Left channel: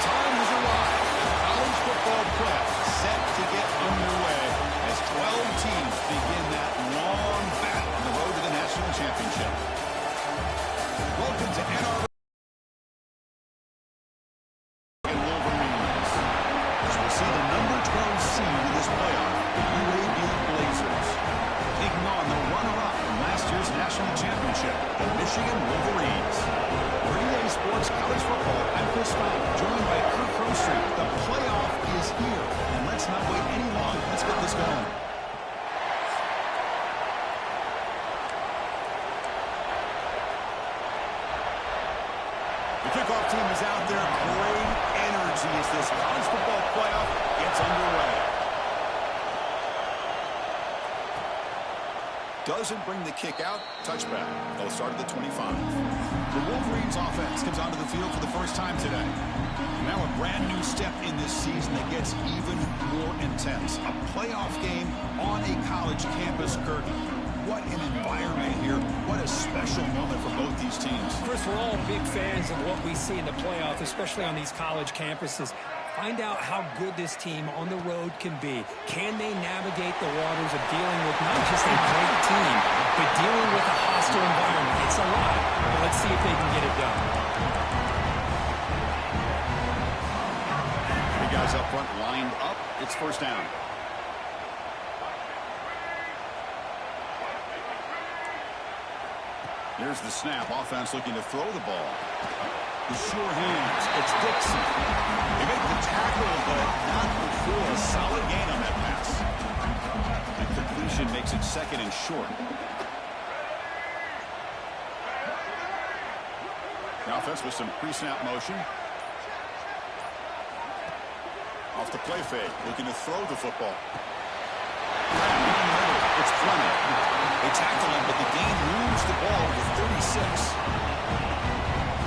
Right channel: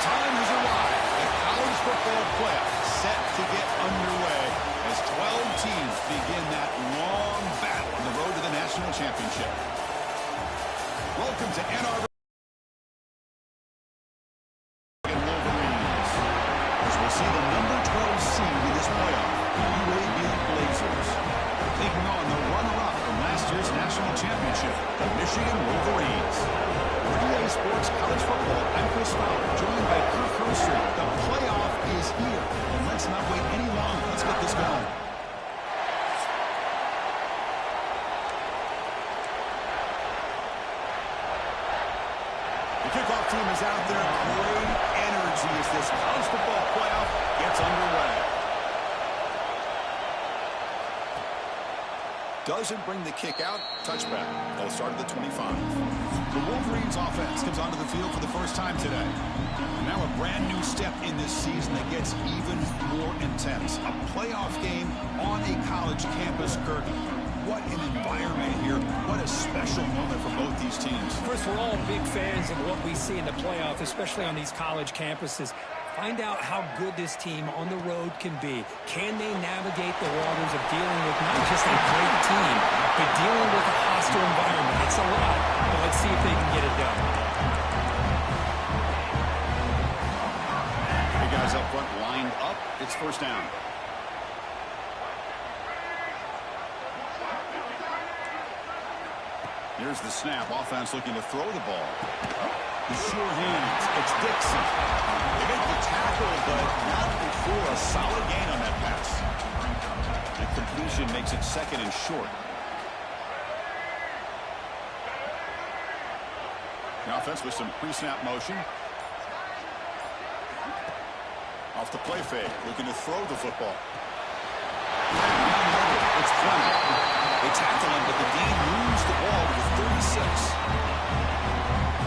time has arrived. The college football playoff set to get underway as 12 teams begin that long battle on the road to the national championship. Welcome to Ann Arbor Wolverines, as we'll see the number 12 seed in this playoff, the UAB Blazers, taking on the runner-up from last year's national championship, the Michigan Wolverines. For EA Sports College Football, I'm Chris Fowler, joined by Kirk Herbstreit. The playoff is here, and let's not wait any longer. Let's get this going. The kickoff team is out there. Great energy as this college football playoff gets underway. Doesn't bring the kick out. Touchback. They'll start at the 25. The Wolverines offense comes onto the field for the first time today. Now a brand new step in this season that gets even more intense. A playoff game on a college campus, Kirk. What an environment here. What a special moment for both these teams. Chris, we're all big fans of what we see in the playoff, especially on these college campuses. Find out how good this team on the road can be. Can they navigate the waters of dealing with not just a great team, but dealing with a hostile environment? It's a lot, but let's see if they can get it done. The guys up front lined up. It's first down. Here's the snap. Offense looking to throw the ball. The sure hands. It's Dixon. They make the tackle, but not before a solid gain on that pass. The completion makes it second and short. The offense with some pre-snap motion. Off the play fake. Looking to throw the football. Down the middle. It's Fleming. They tackle him, but the gain moves the ball to the 36.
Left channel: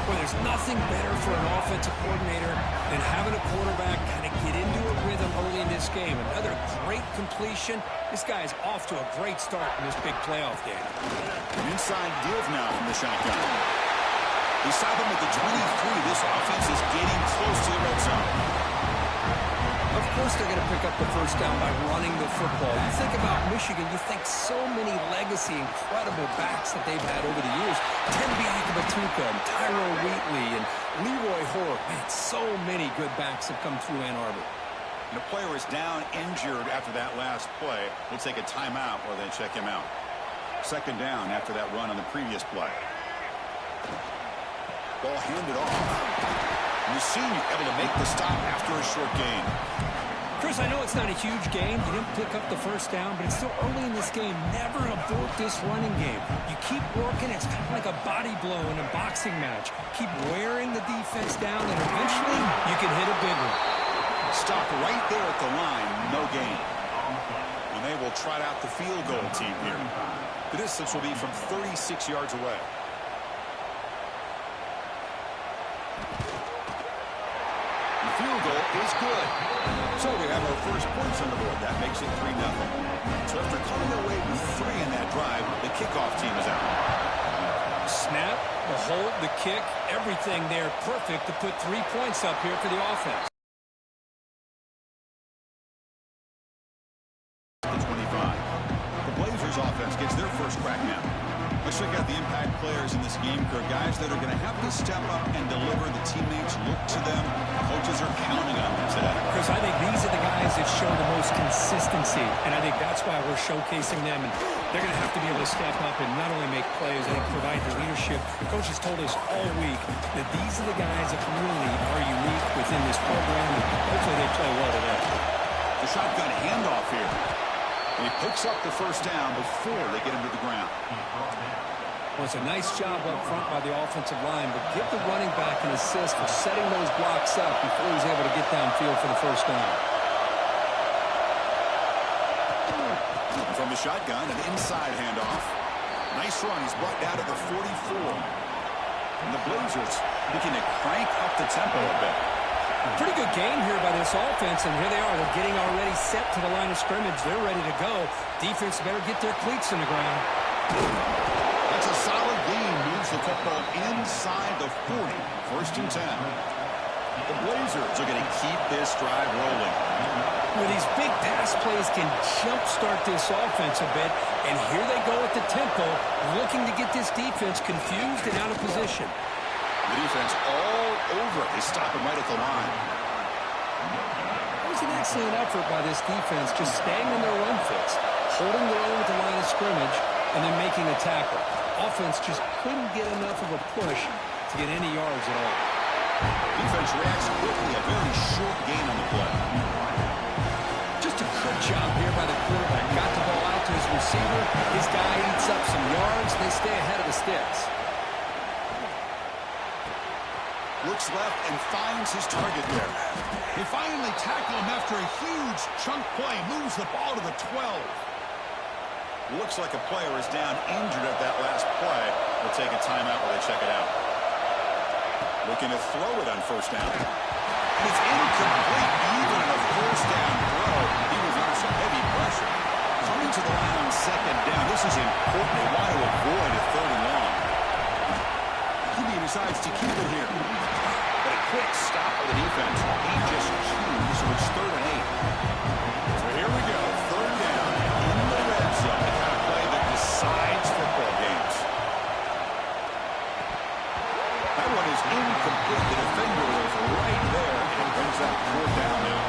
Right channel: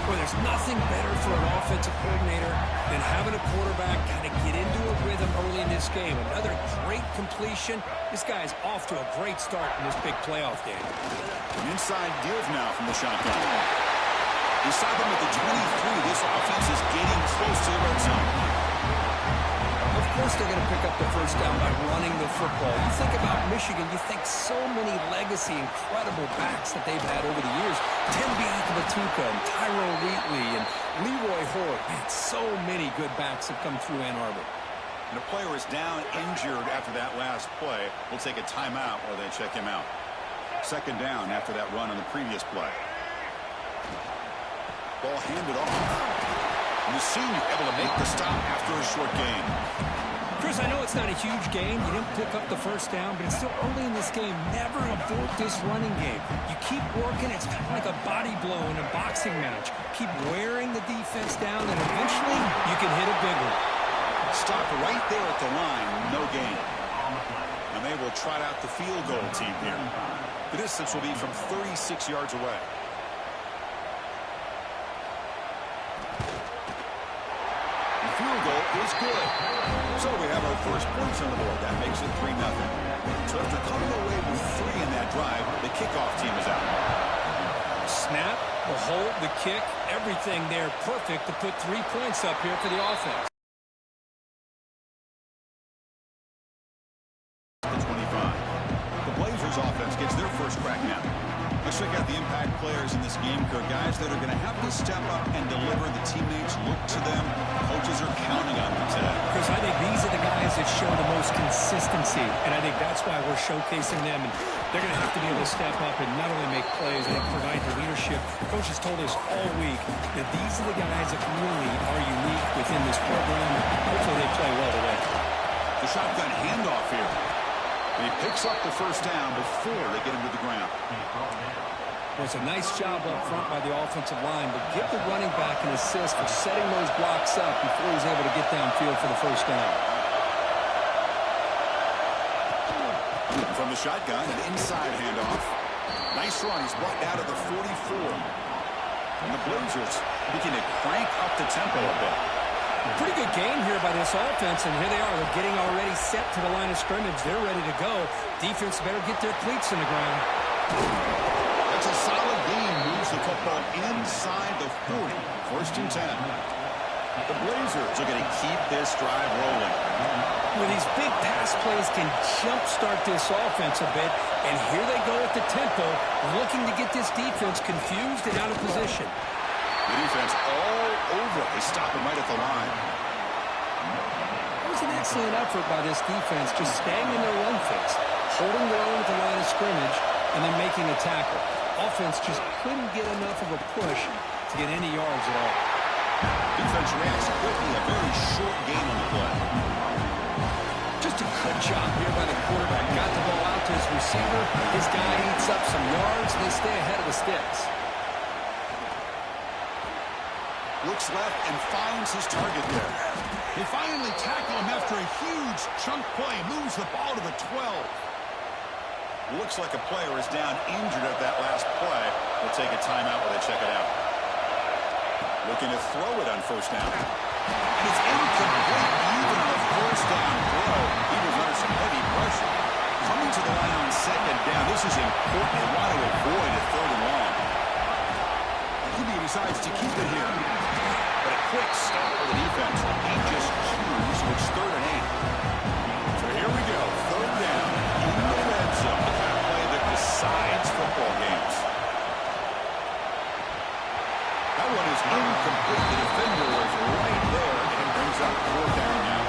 Well, there's nothing better for an offensive coordinator than having a quarterback kind of get into a rhythm early in this game. Another great completion. This guy is off to a great start in this big playoff game. Inside deals now from the shotgun. They stop him at the 23. This offense is getting close to the red zone. Of course they're going to pick up the first down by running the football. You think about Michigan, you think so many legacy, incredible backs that they've had over the years. Tim Biakabatuka and Tyrone Wheatley and Leroy Hoare. Man, so many good backs have come through Ann Arbor. And a player is down injured after that last play. We'll take a timeout while they check him out. Second down after that run on the previous play. Ball handed off. And the senior able to make the stop after a short gain. Chris, I know it's not a huge gain. You didn't pick up the first down, but it's still early in this game. Never abort this running game. You keep working. It's kind of like a body blow in a boxing match. Keep wearing the defense down, and eventually you can hit a big one. Stopped right there at the line. No gain. And they will trot out the field goal team here. The distance will be from 36 yards away. Field goal is good. So we have our first points on the board. That makes it 3-0. So after coming away with 3 in that drive, the kickoff team is out. Snap, the hold, the kick, everything there perfect to put 3 points up here for the offense. The 25. The Blazers offense gets their first crack now. Let's check out the impact players in this game, Kirk. Guys that are going to have to step up and deliver. The teammates look to them. Coaches are counting on them today. Chris, I think these are the guys that show the most consistency, and I think that's why we're showcasing them. And they're going to have to be able to step up and not only make plays, I think provide the leadership. The coach has told us all week that these are the guys that really are unique within this program, and hopefully they play well today. The shotgun handoff here. And he picks up the first down before they get him to the ground. Well, it's a nice job up front by the offensive line, but give the running back an assist for setting those blocks up before he's able to get downfield for the first down. From the shotgun, an inside handoff. Nice run. He's brought down to the 44. And the Blazers begin to crank up the tempo a bit. Pretty good game here by this offense, and here they are. They're getting already set to the line of scrimmage. They're ready to go. Defense better get their cleats in the ground. That's a solid gain. Moves the football inside the 40. First and 10. The Blazers are going to keep this drive rolling. With these big pass plays can jumpstart this offense a bit, and here they go at the tempo, looking to get this defense confused and out of position. The defense all over it. They stop him right at the line. It was an excellent effort by this defense, just staying in their run fix, holding their own at the line of scrimmage, and then making a tackle. Offense just couldn't get enough of a push to get any yards at all. Defense reacts quickly. A very short gain on the play. Just a good job here by the quarterback. Got the ball out to his receiver. His guy eats up some yards. They stay ahead of the sticks. Looks left and finds his target there. They finally tackle him after a huge chunk play. Moves the ball to the 12. Looks like a player is down injured at that last play. We'll take a timeout while they check it out. Looking to throw it on first down. And it's incomplete even on a first down throw. He was under some heavy pressure. Coming to the line on second down. This is important. They want to avoid a third and long. He decides to keep it here. But a quick stop by the defense. He just chews, so it's 3rd and 8. So here we go. 3rd down in the red zone. The kind of play that decides football games. That one is incomplete. The defender was right there, and it brings up 4th down now.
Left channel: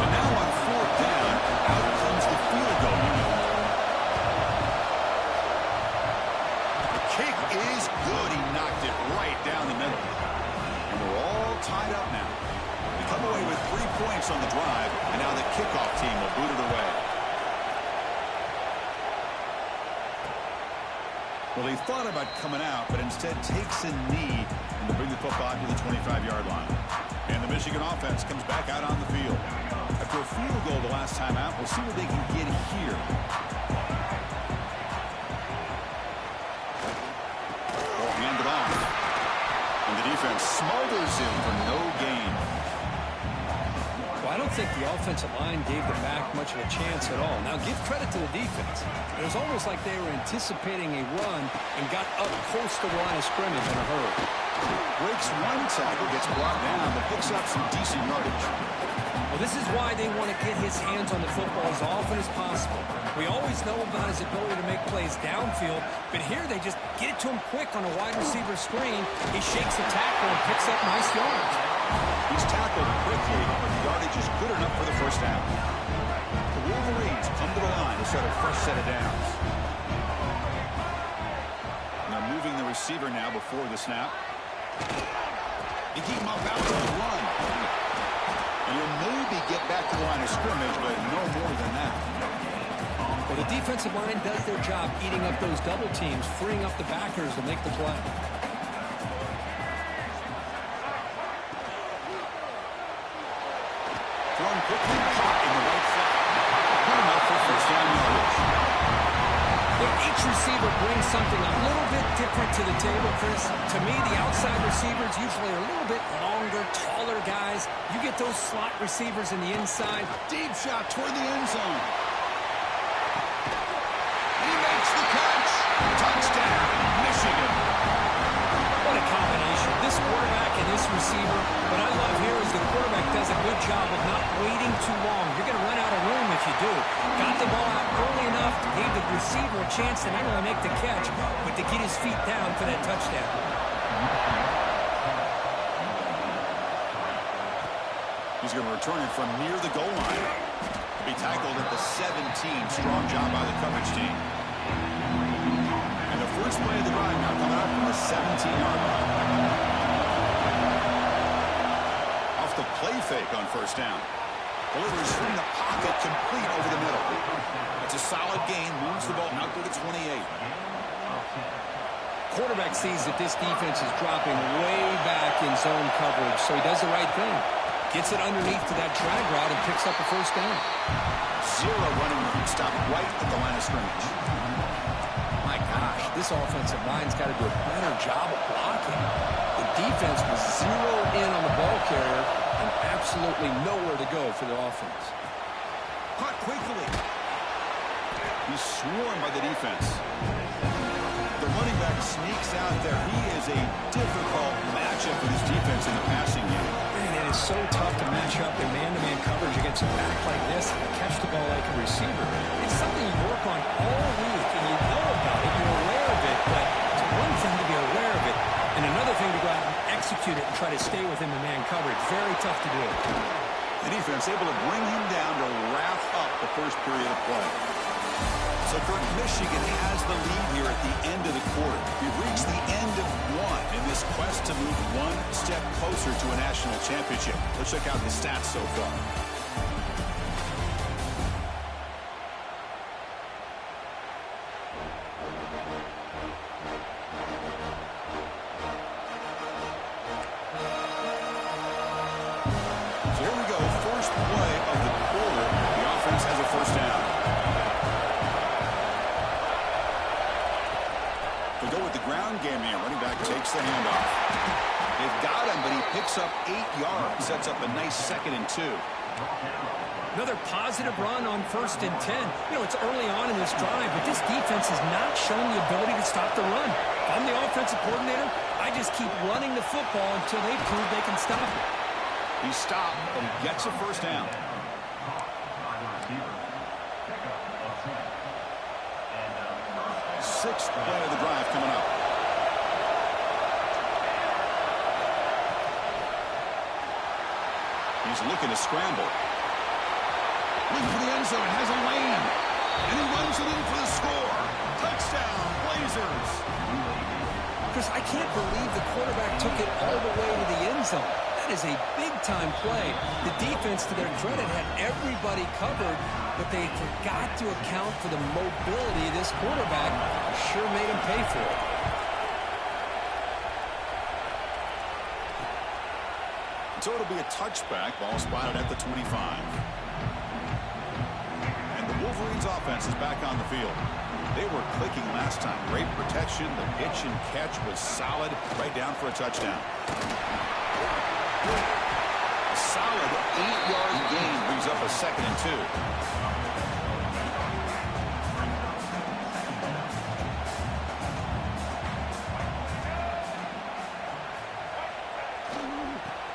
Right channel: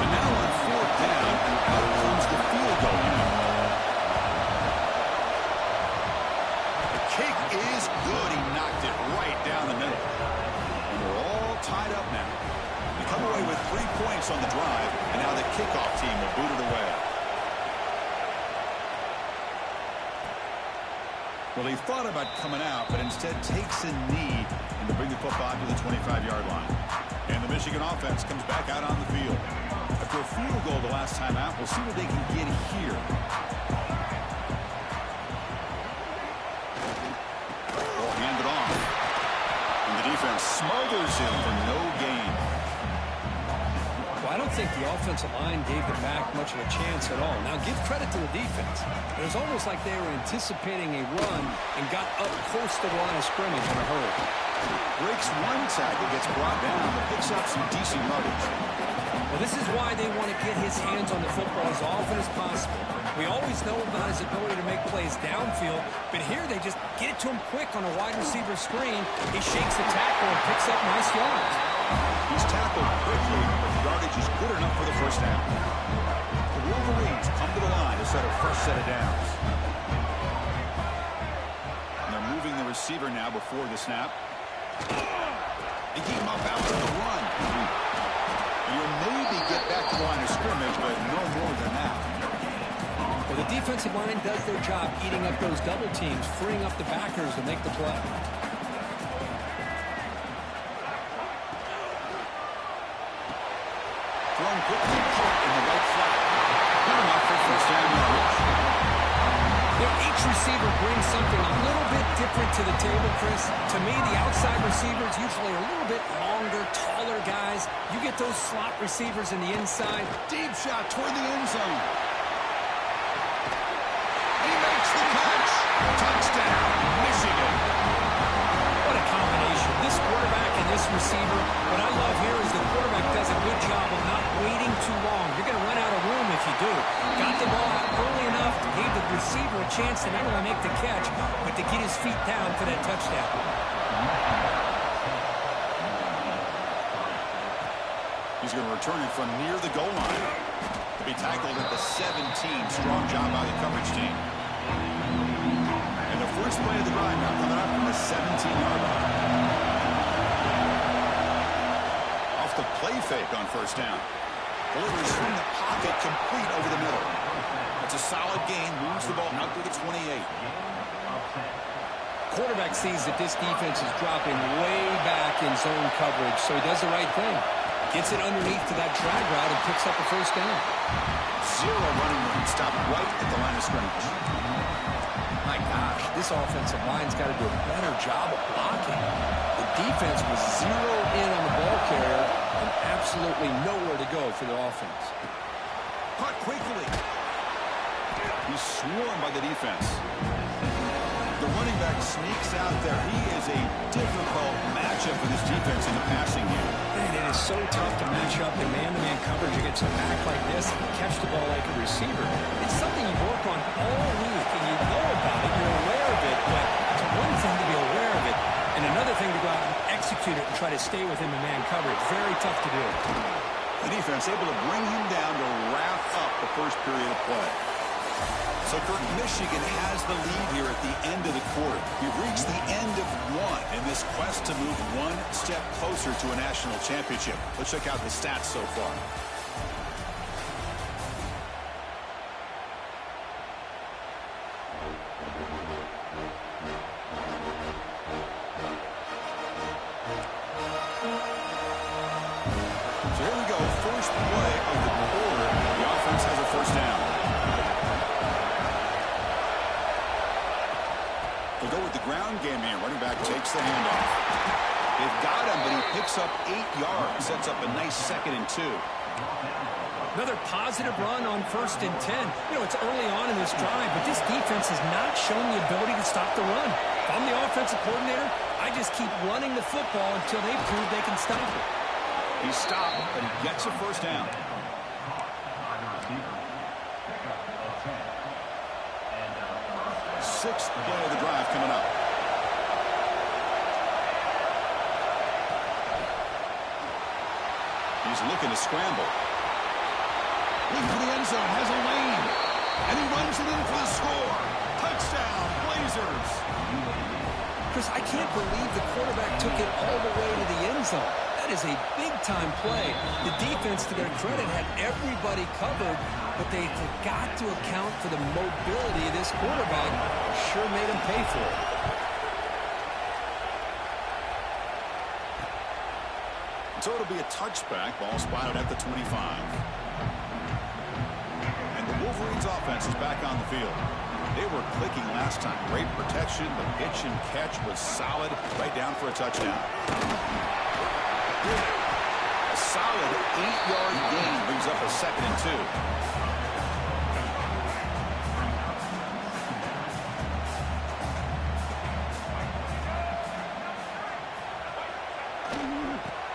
So now on 4th down, out comes the field goal unit. The kick is good. He knocked it right down the middle. And we're all tied up now. We come away with 3 points on the drive, and now the kickoff team will boot it away. Well, he thought about coming out, but instead takes a knee and to bring the football to the 25-yard line. And the Michigan offense comes back out on the field. After a field goal the last time out, we'll see what they can get here. Ball handed off. And the defense smothers him for no gain. Well, I don't think the offensive line gave the back much of a chance at all. Now, give credit to the defense. It was almost like they were anticipating a run and got up close to the line of scrimmage in a hurry. Breaks one tackle, gets brought down, but picks up some decent yardage. Well, this is why they want to get his hands on the football as often as possible. We always know about his ability to make plays downfield, but here they just get it to him quick on a wide receiver screen. He shakes the tackle and picks up nice yards. He's tackled quickly, but the yardage is good enough for the first down. The Wolverines come to the line to set a fresh set of downs. And they're moving the receiver now before the snap. They keep him up out on the run. And he'll maybe get back to the line of scrimmage, but no more than that. Well, the defensive line does their job eating up those double teams, freeing up the backers to make the play. Thrown quickly, caught in the right flat. Good enough for first down yardage. Each receiver brings something a little bit different to the table, Chris. To me, the outside receivers usually are a little bit longer, taller guys. You get those slot receivers in the inside. Deep shot toward the end zone. He makes the catch. Touchdown, Michigan. What a combination. This quarterback and this receiver. What I love here is the quarterback does a good job of not waiting too long. You're going to run out of room if you do. Got the ball out early enough to give the receiver a chance to not only make the catch, but to get his feet down for that touchdown. He's going to return it from near the goal line. To be tackled at the 17. Strong job by the coverage team. And the first play of the drive now coming up from the 17-yard line. Off the play fake on first down. Delivers from the pocket, complete over the middle. That's a solid gain. Moves the ball out to the 28. Quarterback sees that this defense is dropping way back in zone coverage, so he does the right thing. Gets it underneath to that drag route and picks up a first down. Zero running room. Stopped right at the line of scrimmage. My gosh, this offensive line's got to do a better job of blocking. The defense was zeroed in on the ball carrier and absolutely nowhere to go for the offense. Caught quickly. He's swarmed by the defense. The running back sneaks out there. He is a difficult matchup for this defense in the passing game. Man, it is so tough to match up in man-to-man coverage against a back like this and catch the ball like a receiver. It's something you work on all week, and you know about it. You're aware of it, but it's one thing to be aware of it, and another thing to go out and execute it and try to stay with him in man coverage. Very tough to do. The defense able to bring him down to wrap up the first period of play. So, Kurt, Michigan has the lead here at the end of the quarter. We've reached the end of one in this quest to move one step closer to a national championship. Let's check out the stats so far. So here we go, first play of the quarter. The offense has a first down. We'll go with the ground game here. Running back takes the handoff. They've got him, but he picks up 8 yards. Sets up a nice 2nd and 2. Another positive run on 1st and 10. You know, it's early on in this drive, but this defense has not shown the ability to stop the run. If I'm the offensive coordinator, I just keep running the football until they prove they can stop it. He stopped, but he gets a first down. Sixth play of the drive coming up. He's looking to scramble. Looking for the end zone, has a lane. And he runs it in for the score. Touchdown, Blazers. Chris, I can't believe the quarterback took it all the way to the end zone. That is a big-time play. The defense, to their credit, had everybody covered, but they forgot to account for the mobility of this quarterback. Sure made him pay for it. So it'll be a touchback. Ball spotted at the 25. And the Wolverines' offense is back on the field. They were clicking last time. Great protection. The pitch and catch was solid. Right down for a touchdown. A solid 8-yard gain brings up a 2nd and 2.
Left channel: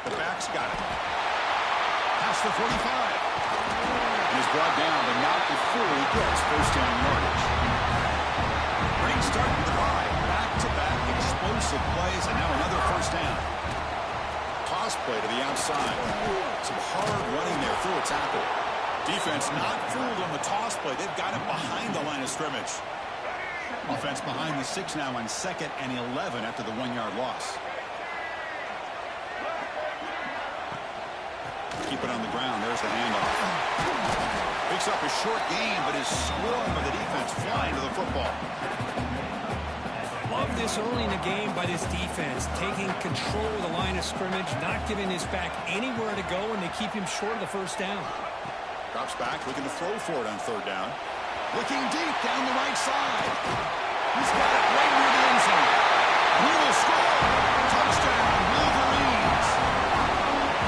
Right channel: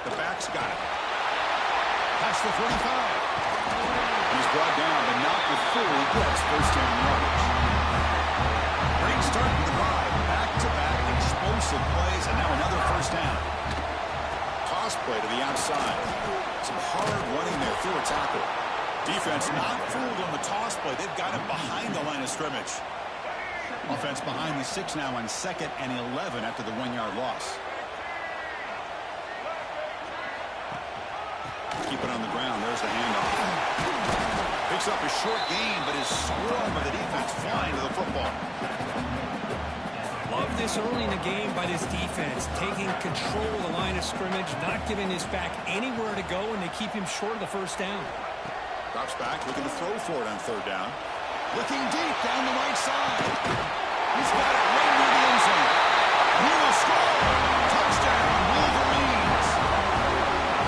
The back's got it. Past the 45. And he's brought down, but not before he gets first down yardage. Great start to the drive. Back-to-back explosive plays, and now another first down. Toss play to the outside. Some hard running there through a tackle. Defense not fooled on the toss play. They've got him behind the line of scrimmage. Offense behind the 6 now on 2nd and 11 after the 1-yard loss. Keep it on the ground. There's the handoff. Picks up a short gain, but is swarmed by the defense flying to the football. Love this early in the game by this defense, taking control of the line of scrimmage, not giving his back anywhere to go, and they keep him short of the first down. Drops back, looking to throw for it on 3rd down. Looking deep down the right side. He's got it right near the end zone. And he will score. Touchdown, Wolverines.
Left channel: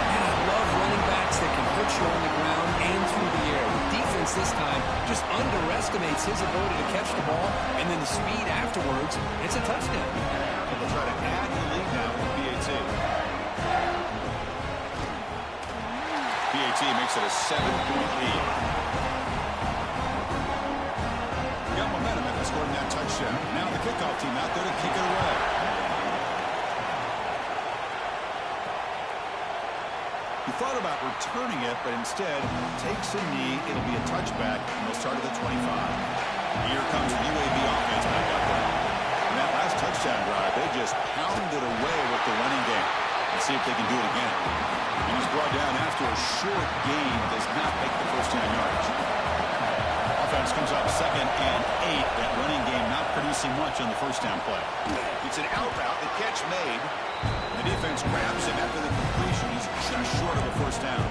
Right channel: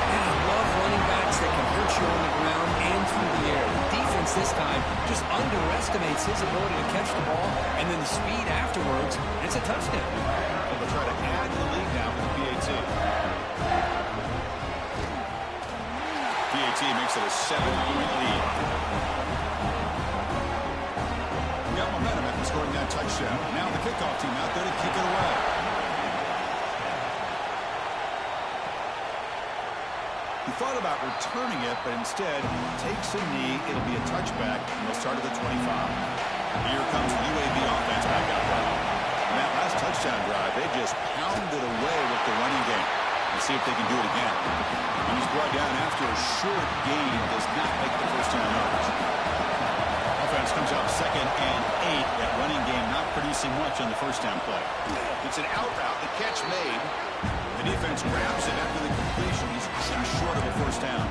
And I love running backs that can hurt you on the ground and through the air. The defense this time just underestimates his ability to catch the ball, and then the speed afterwards. It's a touchdown. And they'll try to add to the lead now with the PAT. PAT makes it a 7-point lead. Got momentum after scoring that touchdown. Now the kickoff team out there to kick it away. He thought about returning it, but instead takes a knee. It'll be a touchback, and they'll start at the 25. Here comes the UAB offense back out there. And that last touchdown drive, they just pounded away with the running game. Let's see if they can do it again. And he's brought down after a short gain. Does not make the first down yardage. Offense comes up 2nd and 8. That running game not producing much on the first down play. It's an out route. The catch made. The defense grabs him after the completion. He's just short of a first down.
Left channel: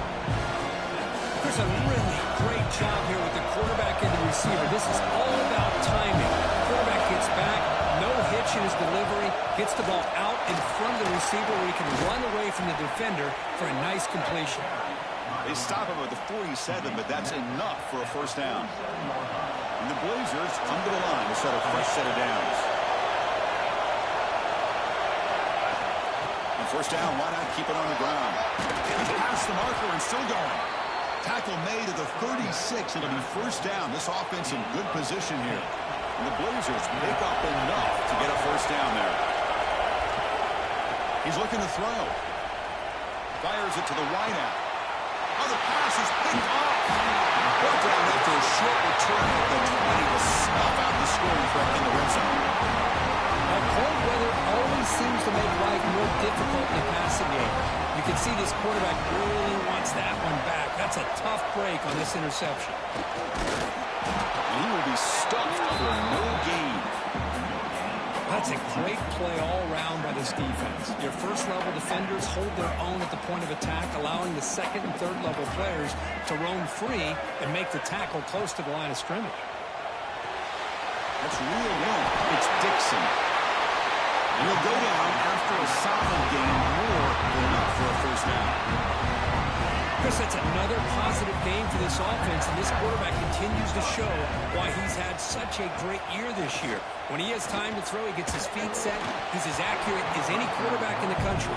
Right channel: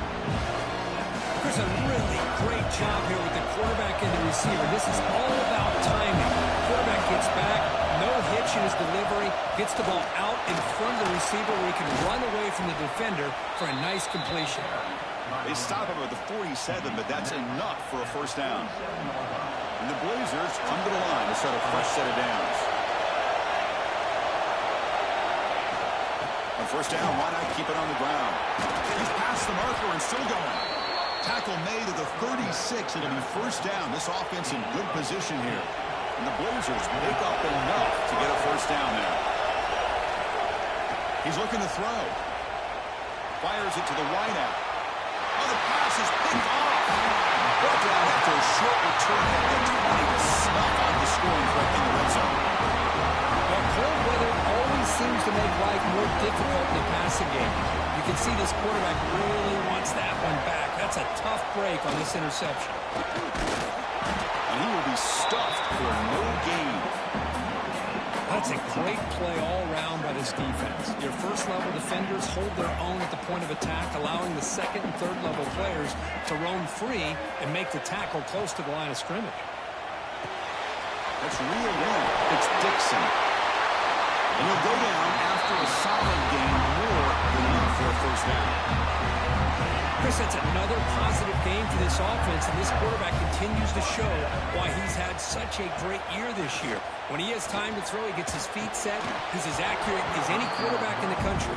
Chris, a really great job here with the quarterback and the receiver. This is all about timing. Quarterback gets back, no hitch in his delivery, gets the ball out in front of the receiver where he can run away from the defender for a nice completion. They stop him at the 47, but that's enough for a first down. And the Blazers come to the line to start a fresh set of downs. On first down, why not keep it on the ground? He's past the marker and still going. Tackle made at the 36. It'll be first down. This offense in good position here. And the Blazers make up enough to get a first down there. He's looking to throw. Fires it to the wideout. Oh, the pass is picked off. Brought down after a short return at the 20 to snuff out the scoring threat in the red zone. Well, cold weather always seems to make life more difficult in the passing game. You can see this quarterback really wants that one back. That's a tough break on this interception. And he will be stuffed for no gain. That's a great play all around by this defense. Your first-level defenders hold their own at the point of attack, allowing the second and third-level players to roam free and make the tackle close to the line of scrimmage. That's reeled in. It's Dixon. And he'll go down after a solid gain, more than enough for a first down. Chris, that's another positive game for this offense, and this quarterback continues to show why he's had such a great year this year. When he has time to throw, he gets his feet set. He's as accurate as any quarterback in the country.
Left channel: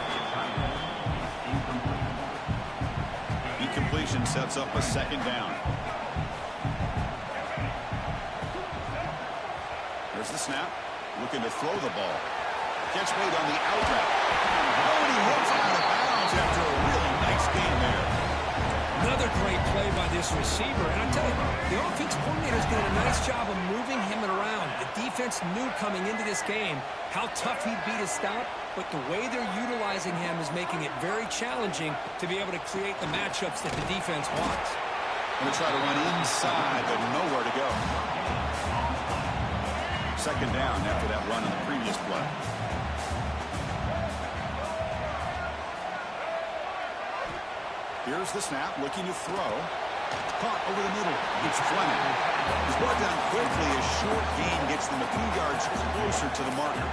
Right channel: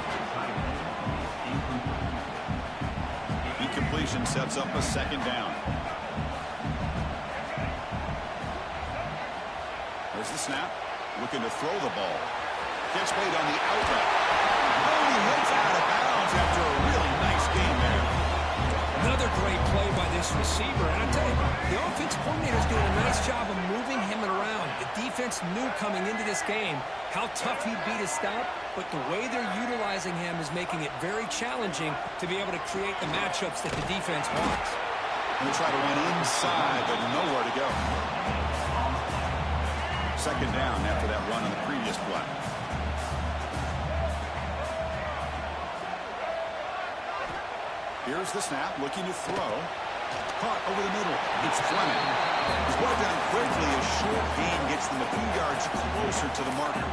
Incompletion sets up a second down. There's the snap. Looking to throw the ball. Catch made on the out route. Oh, and he heads out of bounds after a really nice game there. Another great play by this receiver. And I tell you, the offense coordinator is doing a nice job of moving him around. The defense knew coming into this game how tough he'd be to stop, but the way they're utilizing him is making it very challenging to be able to create the matchups that the defense wants. Going to try to run inside, but nowhere to go. Second down after that run on the previous play. Here's the snap, looking to throw. Caught over the middle. It's Fleming. He's brought down quickly. A short gain gets them a few yards closer to the marker.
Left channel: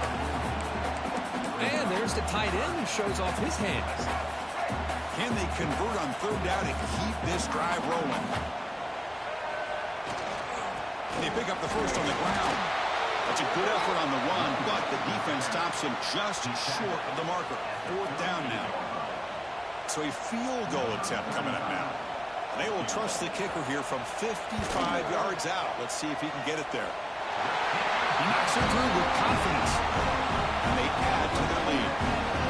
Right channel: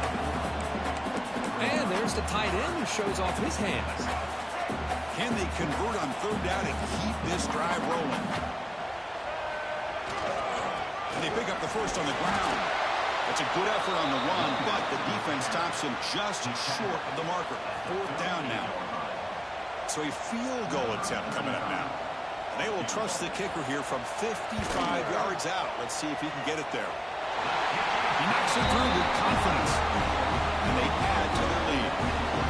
And there's the tight end who shows off his hands. Can they convert on third down and keep this drive rolling? They pick up the first on the ground. That's a good effort on the run, but the defense stops him just short of the marker. Fourth down now. So a field goal attempt coming up now. And they will trust the kicker here from 55 yards out. Let's see if he can get it there. He knocks it through with confidence. And they add to their lead.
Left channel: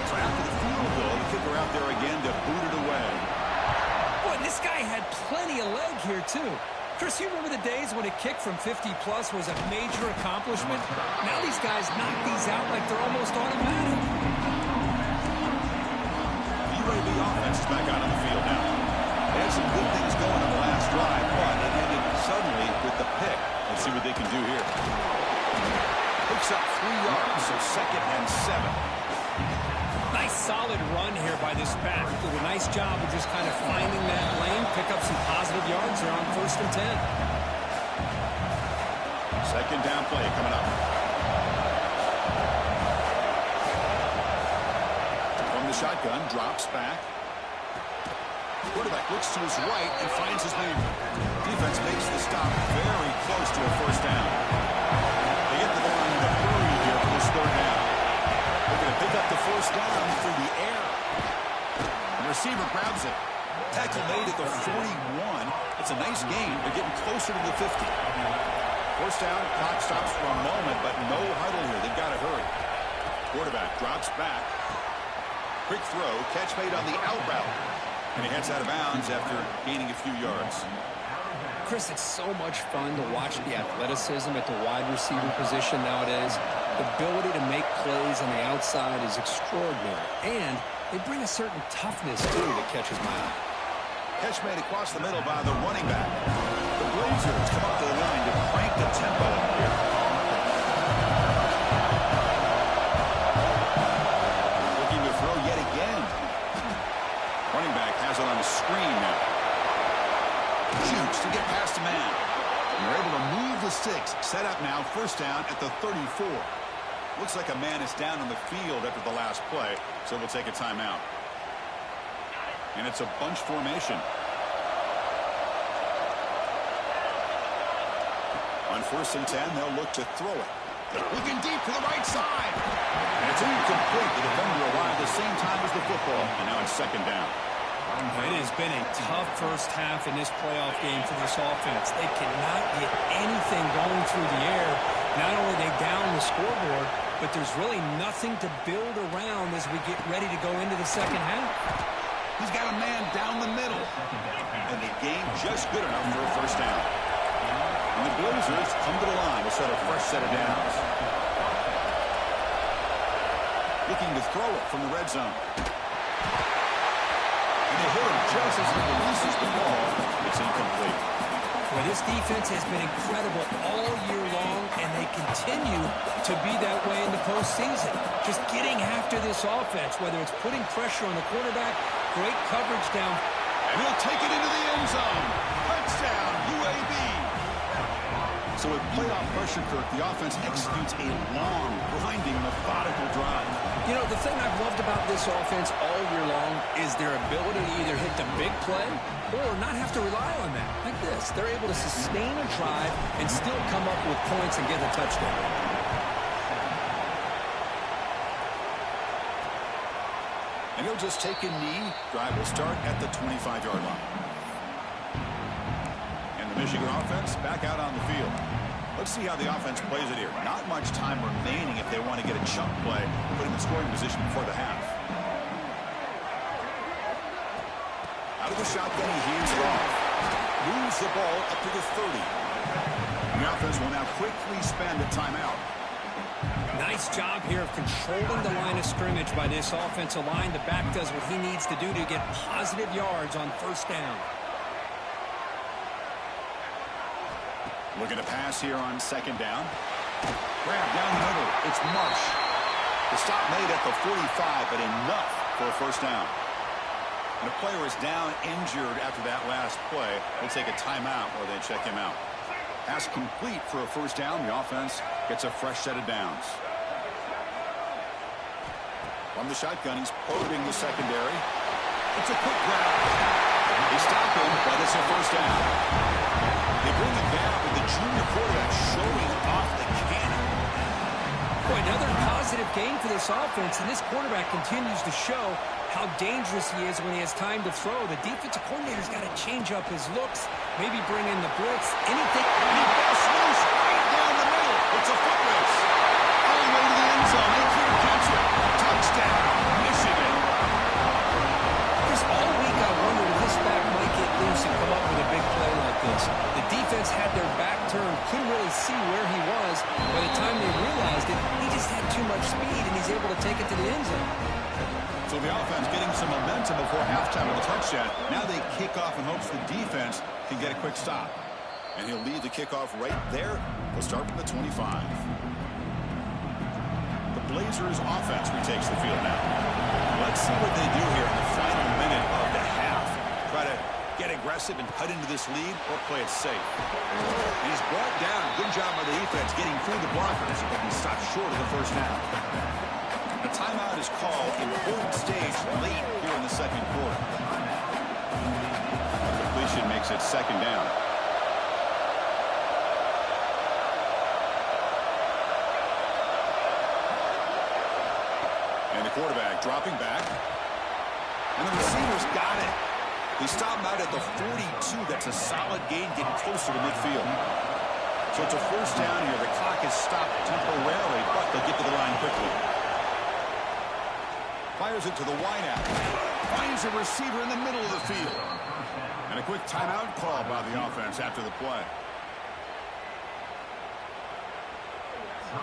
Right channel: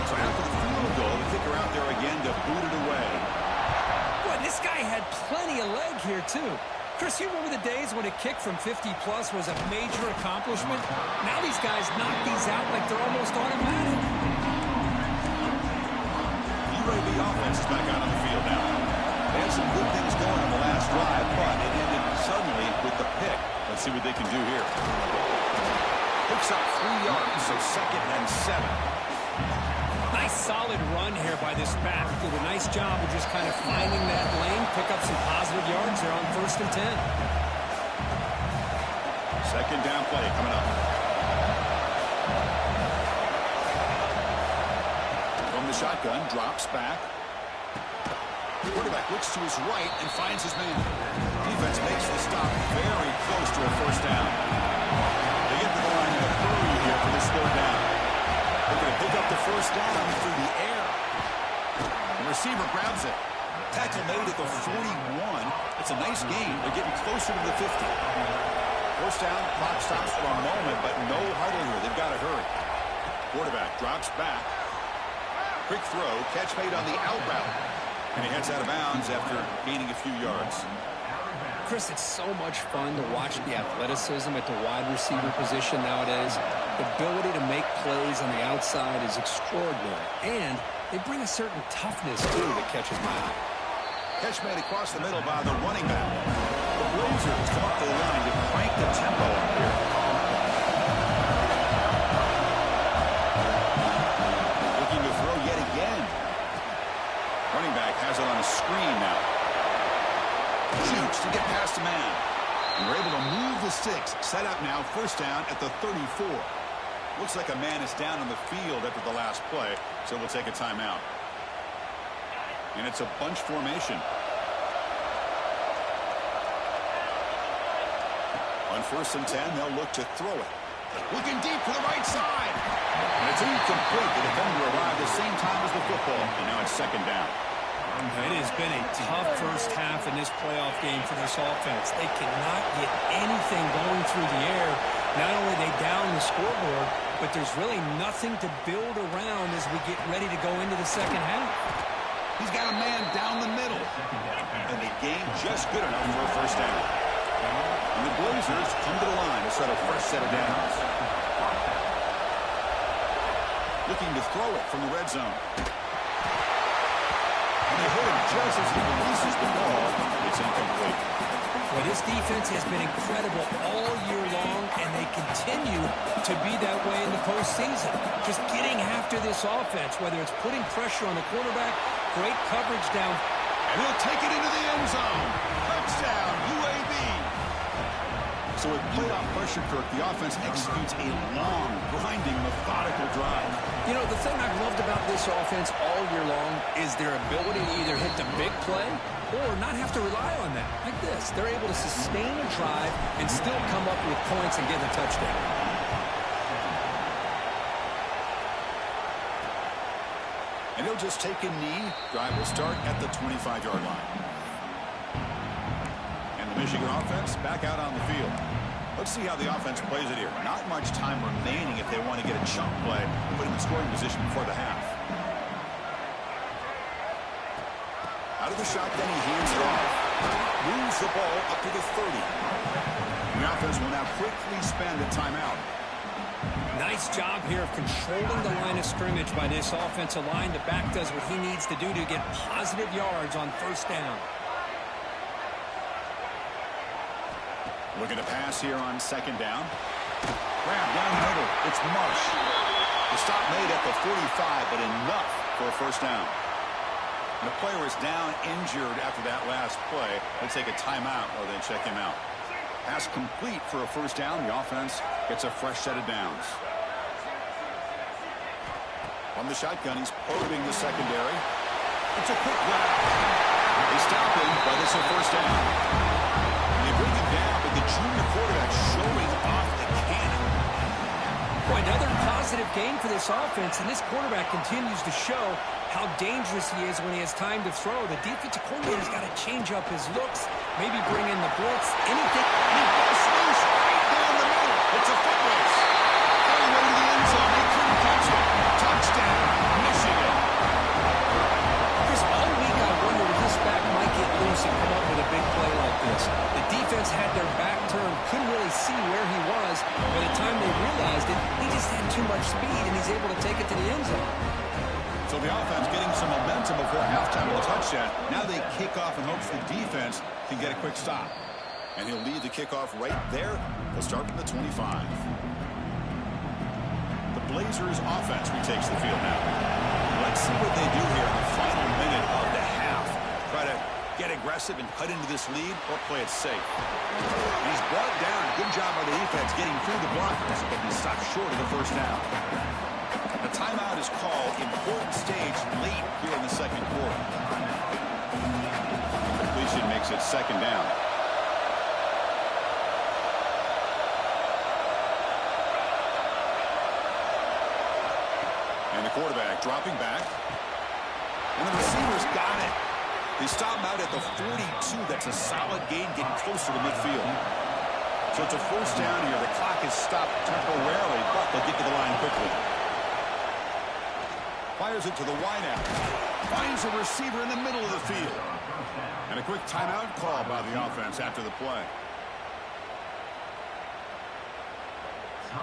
So after the field goal, the kicker out there again to boot it away. Boy, this guy had plenty of leg here, too. Chris, you remember the days when a kick from 50-plus was a major accomplishment? Now these guys knock these out like they're almost automatic. UAB offense is back out on the field now. They had some good things going on the last drive, but it ended suddenly with the pick. Let's see what they can do here. Picks up 3 yards, so second and 7. Nice solid run here by this back. Did a nice job of just kind of finding that lane, pick up some positive yards there on first and 10. Second down play coming up. From the shotgun, drops back. Quarterback looks to his right and finds his man. Defense makes the stop very close to a first down. They get to the line in a hurry here for this third down. They're going to pick up the first down through the air. The receiver grabs it. Tackle made at the 41. It's a nice gain. They're getting closer to the 50. First down, clock stops for a moment, but no huddle here. They've got to hurry. Quarterback drops back. Quick throw, catch made on the out route. And he heads out of bounds after gaining a few yards. Chris, it's so much fun to watch the athleticism at the wide receiver position nowadays. The ability to make plays on the outside is extraordinary. And they bring a certain toughness, too, that catches my eye. Catch made across the middle by the running back. The Blazers come up to the line to crank the tempo up here. Looking to throw yet again. Running back has it on a screen now. Shoots to get past a man. And they're able to move the sticks. Set up now, first down at the 34. Looks like a man is down on the field after the last play, so we'll take a timeout. And it's a bunch formation. On first and 10, they'll look to throw it. Looking deep to the right side. And it's incomplete. The defender arrived the same time as the football, and now it's second down. It has been a tough first half in this playoff game for this offense. They cannot get anything going through the air. Not only are they down the scoreboard, but there's really nothing to build around as we get ready to go into the second half. He's got a man down the middle. And the game just good enough for a first down. And the Blazers come to the line to start a fresh set of downs. Looking to throw it from the red zone. And they hit him just as he releases the ball. It's incomplete. Well, this defense has been incredible all year long, and they continue to be that way in the postseason. Just getting after this offense, whether it's putting pressure on the quarterback, great coverage down. And he'll take it into the end zone. Touchdown, UAB. So with playoff pressure, Kirk, the offense executes a long, grinding, methodical drive. You know, the thing I've loved about this offense all year long is their ability to either hit the big play or not have to rely on that. Like this, they're able to sustain a drive and still come up with points and get a touchdown. And he'll just take a knee. Drive will start at the 25-yard line. And the Michigan offense back out on the field. Let's see how the offense plays it here. Not much time remaining if they want to get a chunk play, put him in scoring position before the half. Out of the shotgun, he hands it off. Moves the ball up to the 30. The offense will now quickly spend a timeout. Nice job here of controlling the line of scrimmage by this offensive line. The back does what he needs to do to get positive yards on first down. Looking to pass here on second down. Grab down the middle. It's Marsh. The stop made at the 45, but enough for a first down. And a player is down injured after that last play. They'll take a timeout while they check him out. Pass complete for a first down. The offense gets a fresh set of downs. From the shotgun, he's probing the secondary. It's a quick grab. They stop him, but it's a first down. They bring him down, but the junior quarterback showing off the cannon. Boy, another positive game for this offense, and this quarterback continues to show how dangerous he is when he has time to throw. The defensive coordinator's got to change up his looks, maybe bring in the blitz, anything. And he busts loose right down the middle. It's a foot race. All the way to the end zone. They couldn't catch it. Touchdown, Michigan. Chris, all week I wondered if this back might get loose and come up with a big play like this. The defense had their back turned, couldn't really see where he was. By the time they realized it, he just had too much speed, and he's able to take it to the end zone. So the offense getting some momentum before halftime with a touchdown. Now they kick off in hopes the defense can get a quick stop. And he'll lead the kickoff right there. They'll start from the 25. The Blazers offense retakes the field now. Let's see what they do here in the final minute of the half. Try to get aggressive and cut into this lead or play it safe. And he's brought down. Good job by the defense getting through the blockers, but he stopped short of the first down. A timeout is called. Important stage late here in the second quarter. The completion makes it second down. And the quarterback dropping back. And the receivers got it. They stop him out at the 42. That's a solid gain, getting closer to midfield. So it's a first down here. The clock is stopped temporarily, but they'll get to the line quickly. Fires it to the wideout. Finds a receiver in the middle of the field. And a quick timeout call by the offense after the play.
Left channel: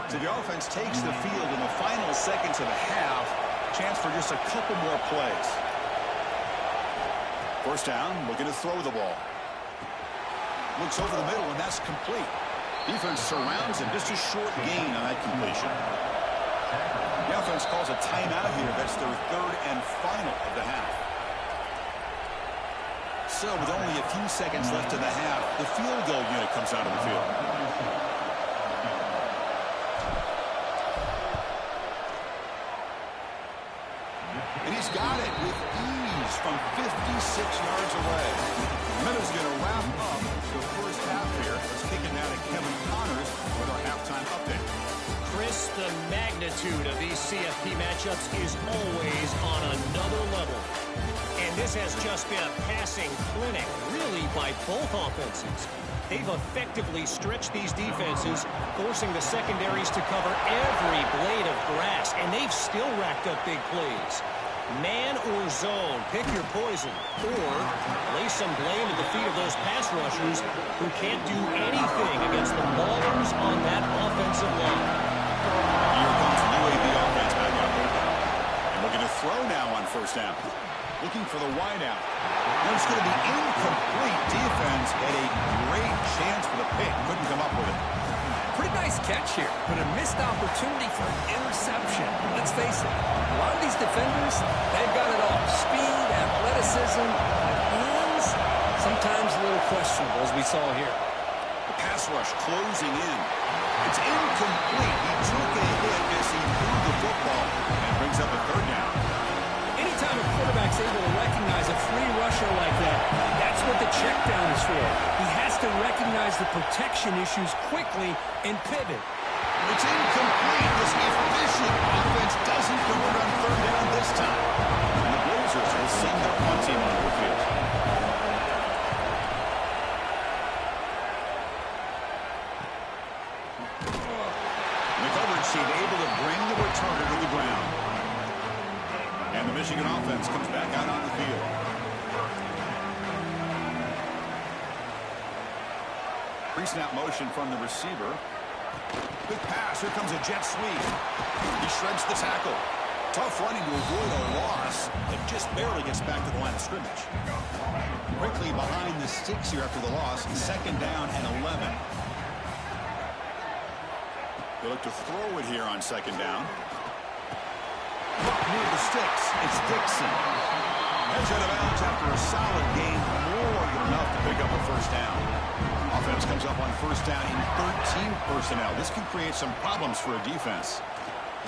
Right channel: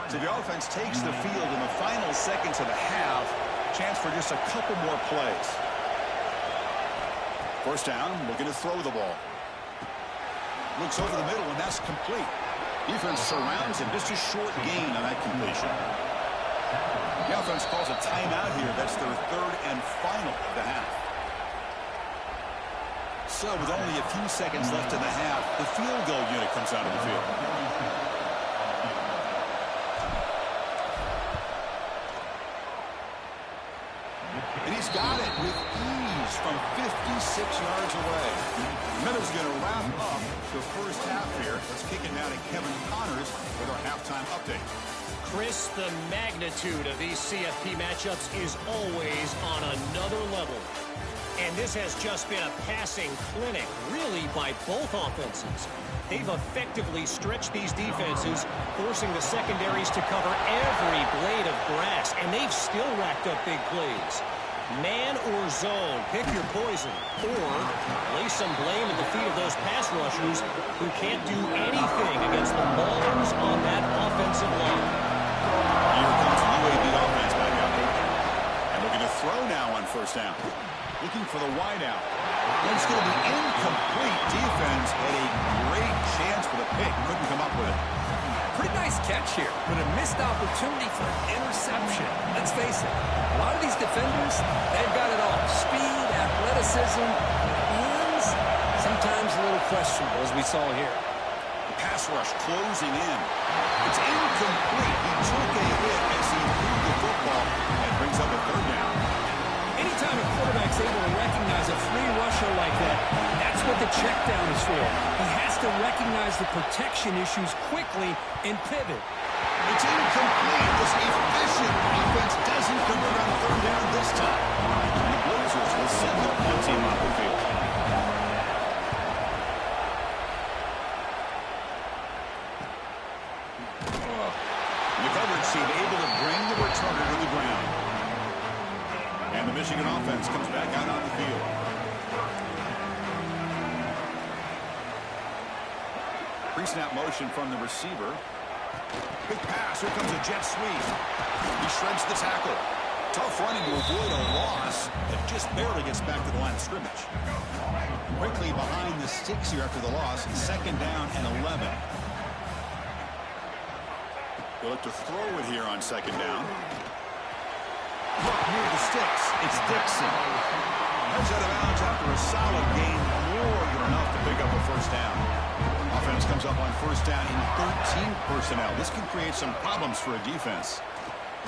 So the offense takes the field in the final seconds of the half. Chance for just a couple more plays. First down, looking to throw the ball. Looks over the middle, and that's complete. Defense surrounds him. Just a short gain on that completion. The offense calls a timeout here. That's their third and final of the half. So with only a few seconds left in the half, the field goal unit comes out of the field. And he He's got it with ease from 56 yards away. Meadows going to wrap up the first half here. Let's kick it now to Kevin Connors with our halftime update. Chris, the magnitude of these CFP matchups is always on another level. And this has just been a passing clinic, really, by both offenses. They've effectively stretched these defenses, forcing the secondaries to cover every blade of grass, and they've still racked up big plays. Man or zone, pick your poison, or lay some blame at the feet of those pass rushers who can't do anything against the ballers on that offensive line. Here comes the UAB offense back out there. And looking to throw now on first down. Looking for the wideout. That's going to be incomplete. Defense had a great chance for the pick. Couldn't come up with it. Pretty nice catch here, but a missed opportunity for an interception. Let's face it, a lot of these defenders, they've got it all. Speed, athleticism, hands, sometimes a little questionable, as we saw here. The pass rush closing in. It's incomplete. He took a hit as he threw the football and brings up a third down. Anytime a quarterback's able to recognize a free rusher like that, that's what the check down is for. He has to recognize the protection issues quickly and pivot. It's incomplete. This efficient offense doesn't convert on third down this time. And the Blazers will send their punt team onto the field. And the coverage team able to bring the returner to the ground. And the Michigan offense comes back out on the field. Pre-snap motion from the receiver. Big pass. Here comes a jet sweep. He shreds the tackle. Tough running to avoid a loss that just barely gets back to the line of scrimmage. Quickly behind the sticks here after the loss. Second down and 11. They look to throw it here on second down. Up near the sticks. It's Dixon. Heads out of bounds after a solid gain. More than enough to pick up a first down. Offense comes up on first down in 13 personnel. This can create some problems for a defense.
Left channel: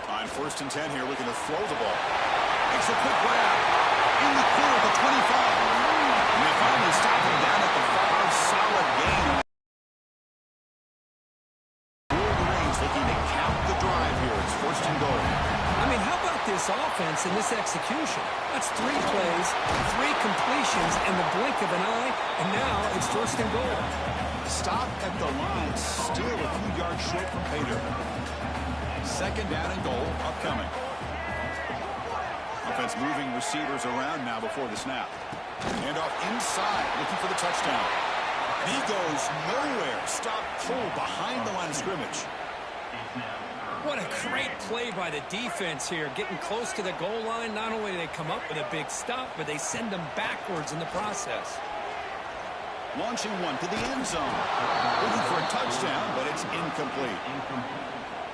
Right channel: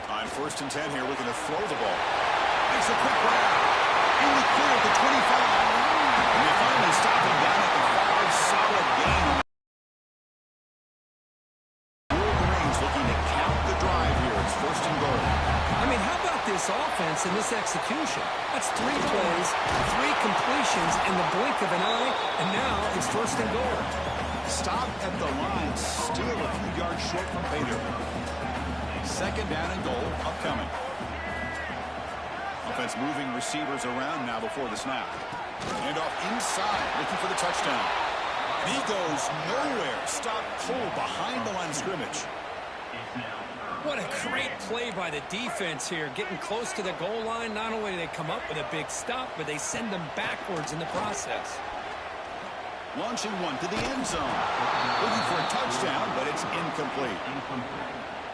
On first and 10 here, looking to throw the ball. Makes a quick grab. In the clear at the 25. And they finally stop him down at the 5. Solid gain. Wolverines looking to count the drive here. It's first and goal. I mean, how about this offense and this execution? That's 3 plays, 3 completions in the blink of an eye, and now it's first and goal. Stop at the line, still a few yards short from pay dirt. Second down and goal upcoming. Offense moving receivers around now before the snap. Hand off inside, looking for the touchdown. And he goes nowhere. Stop cold behind the line of scrimmage. What a great play by the defense here. Getting close to the goal line, not only do they come up with a big stop, but they send them backwards in the process. Launching one to the end zone. Looking for a touchdown, but it's incomplete.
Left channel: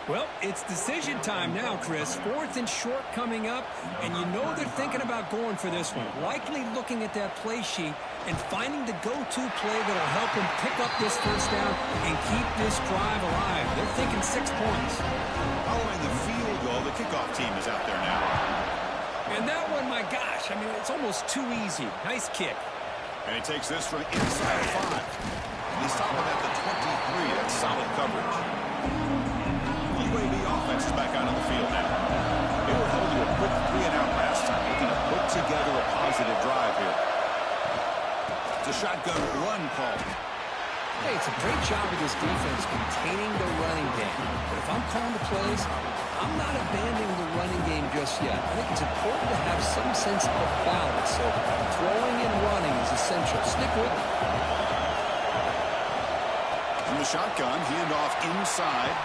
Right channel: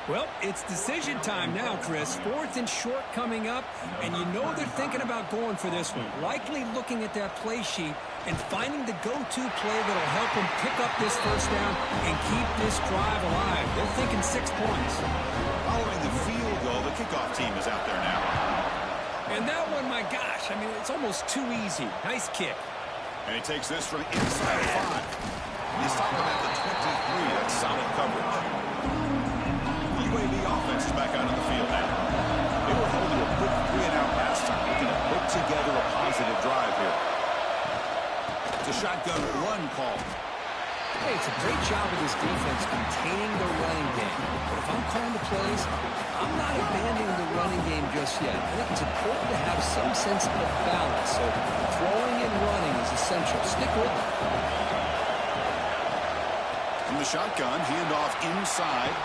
Well, it's decision time now, Chris. 4th and short coming up, and you know they're thinking about going for this one. Likely looking at that play sheet and finding the go-to play that'll help them pick up this first down and keep this drive alive. They're thinking 6 points. Following the field goal, the kickoff team is out there now. And that one, my gosh, I mean, it's almost too easy. Nice kick. And he takes this from inside 5. They stop him at the 23. That's solid coverage. The UAB offense is back out on the field now. They were held to a quick 3-and-out last time, looking to put together a positive drive here. It's a shotgun run call. Hey, it's a great job of this defense containing the running game. But if I'm calling the plays, I'm not abandoning the running game just yet. I think it's important to have some sense of balance. So throwing and running is essential. Stick with it. From the shotgun, handoff inside.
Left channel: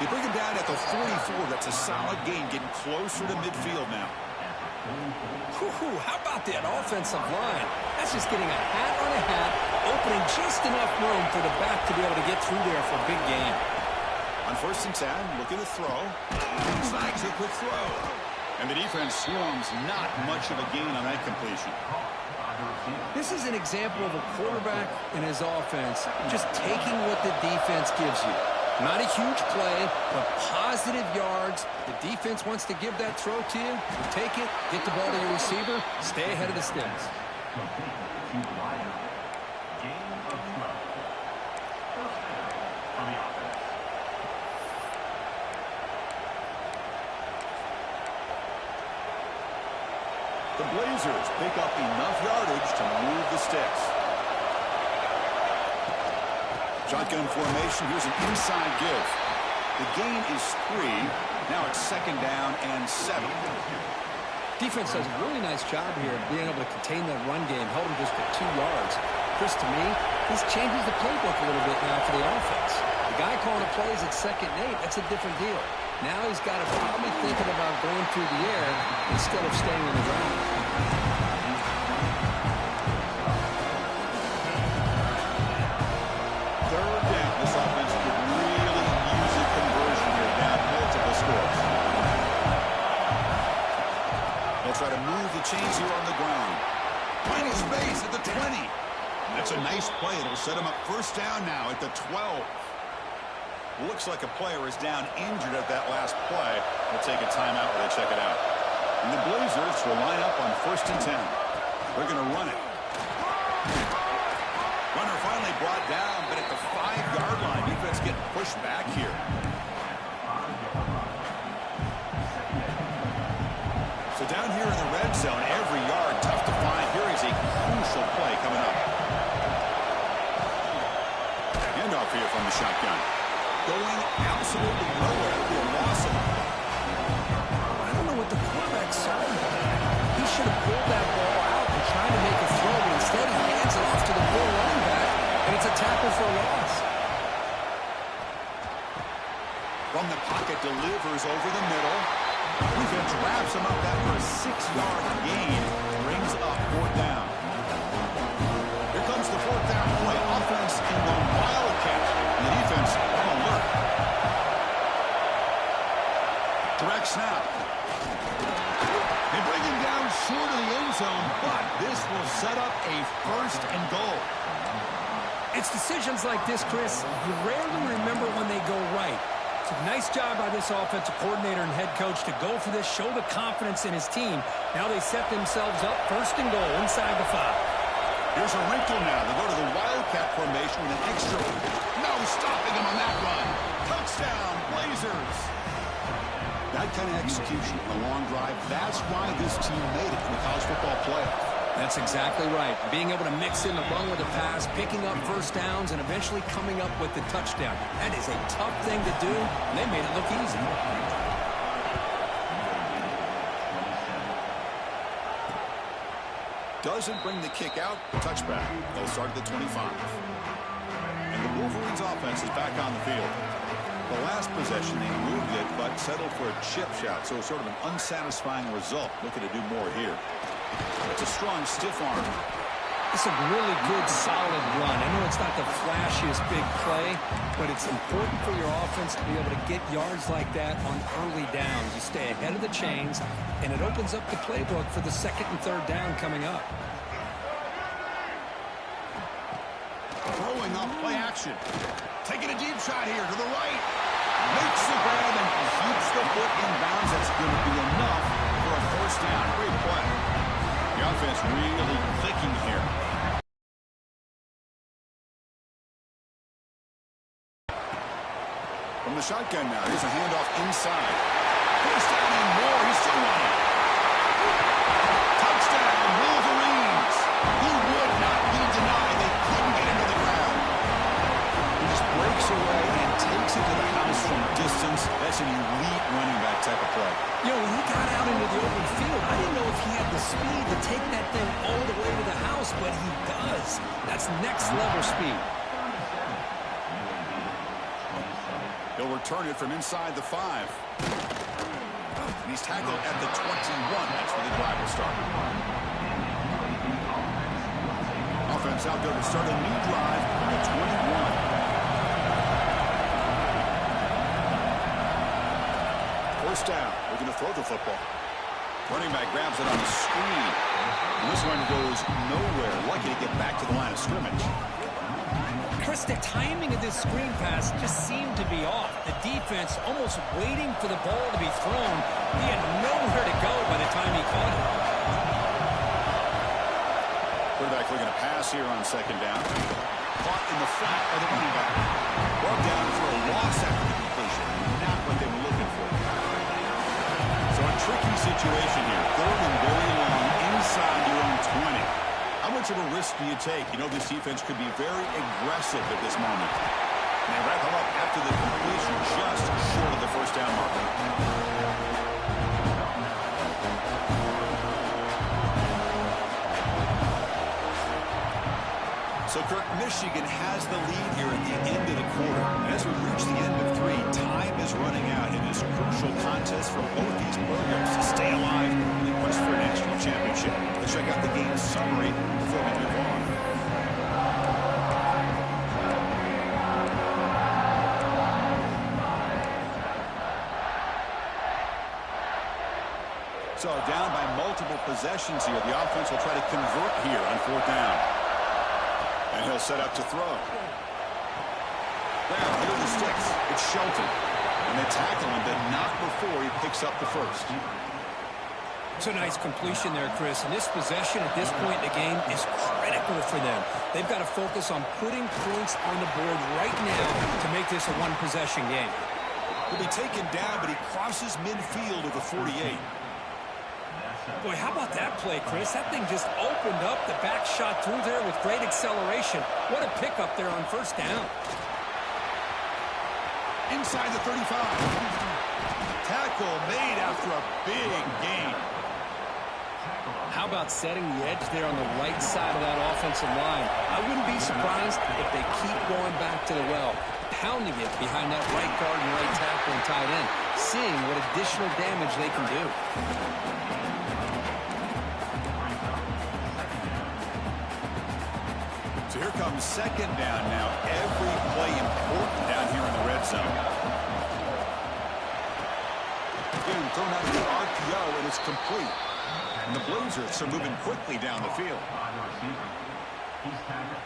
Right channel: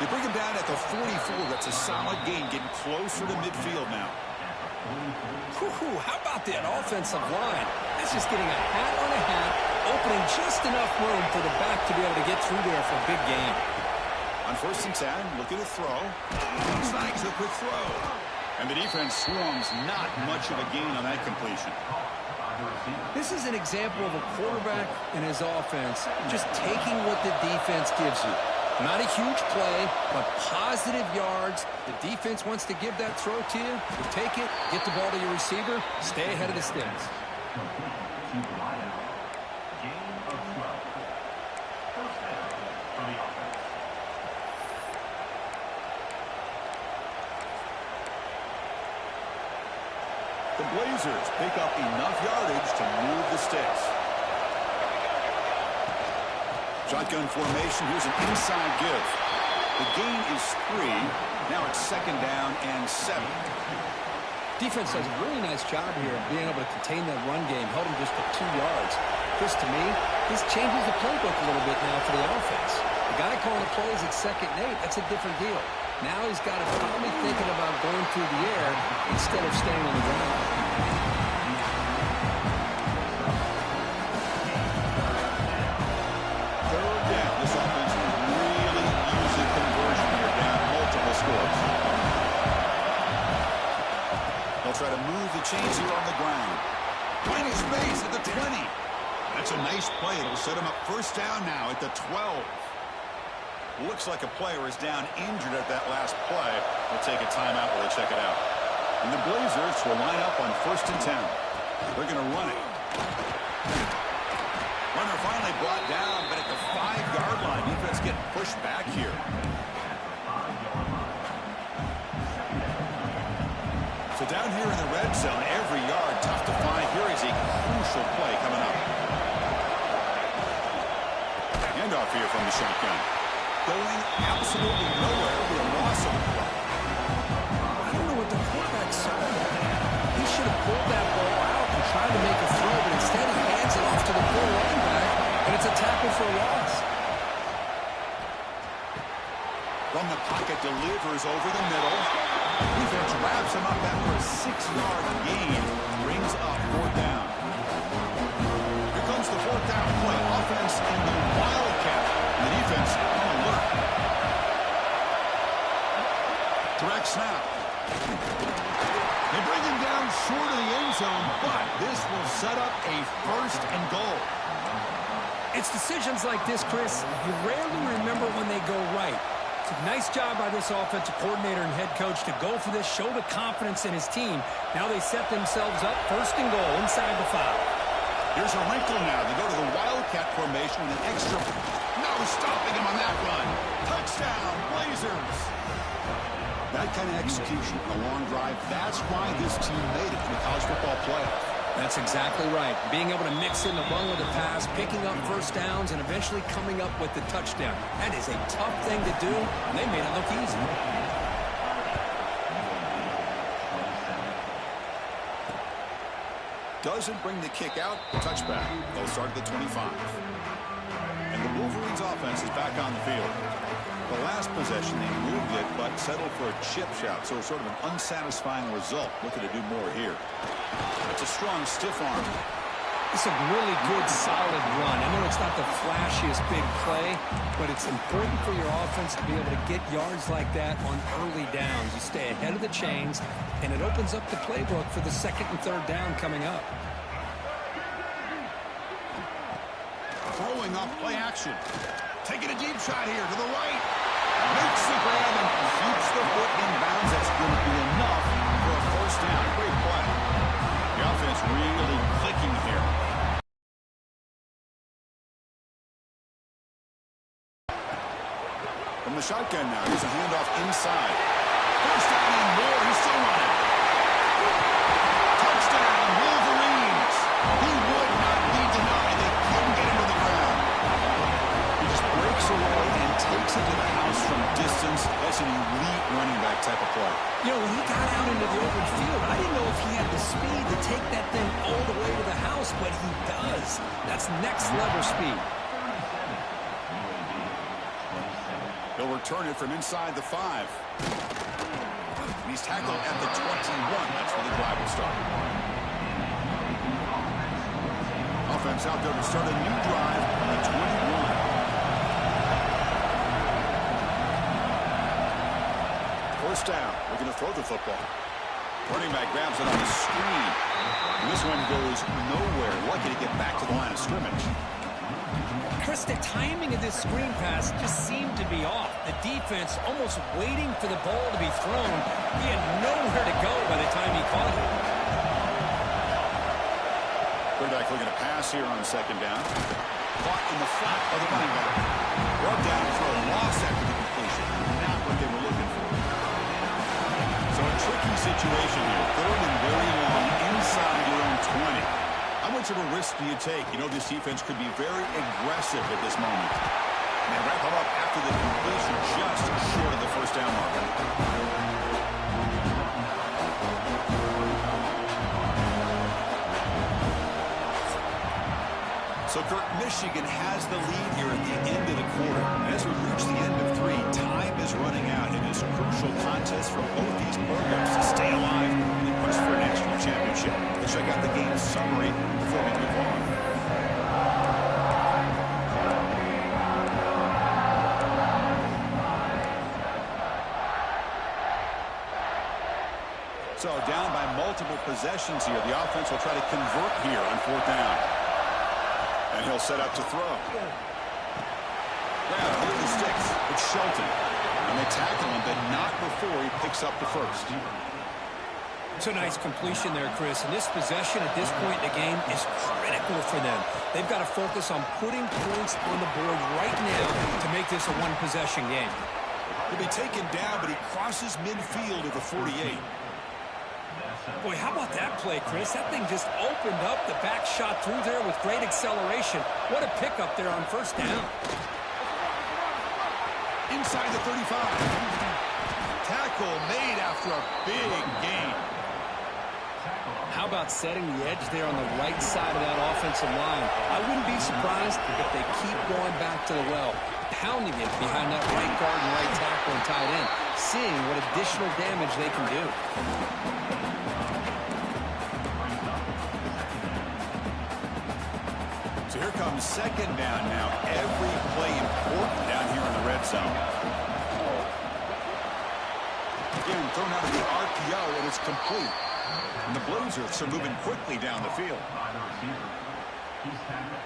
They bring him down at the 44. That's a solid gain, getting closer to midfield now. How about that offensive line? That's just getting a hat on a hat, opening just enough room for the back to be able to get through there for a big gain. On first and 10, looking to throw. Snags a quick throw. And the defense swarms, not much of a gain on that completion. This is an example of a quarterback and his offense just taking what the defense gives you. Not a huge play, but positive yards. The defense wants to give that throw to you. You take it, get the ball to your receiver, stay ahead of the sticks. The Blazers pick up enough yardage to move the sticks. Shotgun formation. Here's an inside give. The gain is 3. Now it's 2nd down and 7. Defense does a really nice job here of being able to contain that run game. Held them just at 2 yards. Chris, to me, this changes the playbook a little bit now for the offense. The guy calling the plays at 2nd and 8, that's a different deal. Now he's got to probably thinking about going through the air instead of staying on the ground. Third down. This offense could really use a conversion here, down multiple scores. They'll try to move the chains here on the ground. Finding space at the 20. That's a nice play. It'll set him up 1st down now at the 12. Looks like a player is down injured at that last play. We'll take a timeout while they check it out. And the Blazers will line up on 1st and 10. They're going to run it. Runner finally brought down, but at the 5-yard line, defense getting pushed back here. So down here in the red zone, every yard tough to find. Here is a crucial play coming up. Handoff here from the shotgun. Going absolutely nowhere. It'll be a loss of the play. I don't know what the quarterback saw there. He should have pulled that ball out and tried to make a throw, but instead he hands it off to the poor running back, and it's a tackle for a loss. From the pocket, delivers over the middle. Defense wraps him up after a 6-yard gain. Brings up 4th down. Here comes the 4th down play. Offense in the Wildcat. And the defense on alert. Direct snap. They bring him down short of the end zone, but this will set up a 1st and goal. It's decisions like this, Chris, you rarely remember when they go right. It's a nice job by this offensive coordinator and head coach to go for this, show the confidence in his team. Now they set themselves up 1st and goal inside the 5. Here's a wrinkle now. They go to the Wildcat formation with an extra. No, stopping him on that run. Touchdown, Blazers. That kind of execution on a long drive, that's why this team made it in the college football playoff. That's exactly right. Being able to mix in the run with the pass, picking up 1st downs, and eventually coming up with the touchdown. That is a tough thing to do, and they made it look easy. Doesn't bring the kick out. Touchback. They'll start at the 25. And the Wolverines offense is back on the field. The last possession, they moved it, but settled for a chip shot. So sort of an unsatisfying result. Looking to do more here. It's a strong, stiff arm. It's a really good, solid run. I know it's not the flashiest big play, but it's important for your offense to be able to get yards like that on early downs. You stay ahead of the chains, and it opens up the playbook for the 2nd and 3rd down coming up. Throwing off play action. Taking a deep shot here to the right. Makes the grab and keeps the foot in bounds. That's going to be enough for a 1st down. Great play. The offense really clicking here. From the shotgun now, here's a handoff inside. 1st down and more. He's still running. Touchdown, Wolverines. He would not be denied. They couldn't get him to the ground. He just breaks away and takes it to the house from distance. That's an elite running back type of play. You know, when he got out into the open field, I didn't know if he had the speed to take that thing all the way to the house, but he does. That's next level speed. He'll return it from inside the 5. And he's tackled at the 21. That's where the drive will start. Offense out there to start a new drive on the 21. 1st down. Looking to throw the football. Running back grabs it on the screen. And this one goes nowhere. Lucky to get back to the line of scrimmage. Chris, the timing of this screen pass just seemed to be off. The defense almost waiting for the ball to be thrown. He had nowhere to go by the time he caught it. Quarterback looking to pass here on second down. Caught in the flat by the running back. Brought down for a loss after the completion. Not what they were looking for. So a tricky situation here. Third and very long inside your own 20. How much of a risk do you take? You know, this defense could be very aggressive at this moment. And they wrap them up after the completion, just short of the first down marker. So, Kirk, Michigan has the lead here at the end of the quarter. As we reach the end of 3, time is running out in this crucial contest for both these programs to stay alive in the quest for a national championship. Let's check out the game summary before we move on. So, down by multiple possessions here. The offense will try to convert here on 4th down. And he'll set up to throw. Well, here are the sticks. It's Shelton. And they tackle him, but not before he picks up the first. It's a nice completion there, Chris. And this possession at this point in the game is critical for them. They've got to focus on putting points on the board right now to make this a one-possession game. He'll be taken down, but he crosses midfield of the 48. Boy, how about that play, Chris? That thing just opened up. The back shot through there with great acceleration. What a pickup there on first down. Inside the 35. Tackle made after a big gain. How about setting the edge there on the right side of that offensive line? I wouldn't be surprised if they keep going back to the well, pounding it behind that right guard and right tackle and tight end, seeing what additional damage they can do. So here comes second down now. Every play important down here in the red zone. Again, thrown out of the RPO, and it's complete. And the Blazers are moving quickly down the field.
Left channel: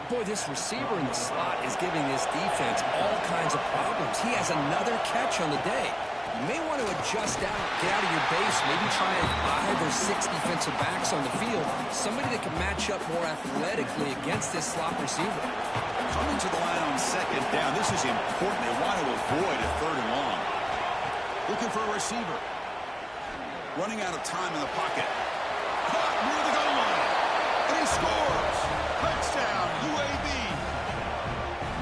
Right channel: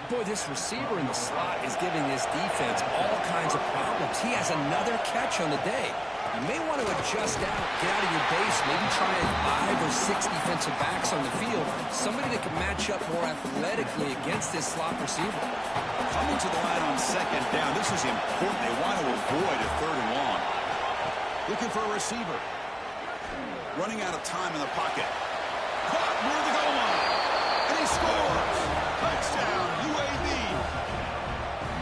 Boy, this receiver in the slot is giving this defense all kinds of problems. He has another catch on the day. You may want to adjust out, get out of your base, maybe try 5 or 6 defensive backs on the field, somebody that can match up more athletically against this slot receiver. Coming to the line on second down, this is important. They want to avoid a 3rd and long. Looking for a receiver. Running out of time in the pocket. Caught near the goal line. And he scores. Touchdown, UAB.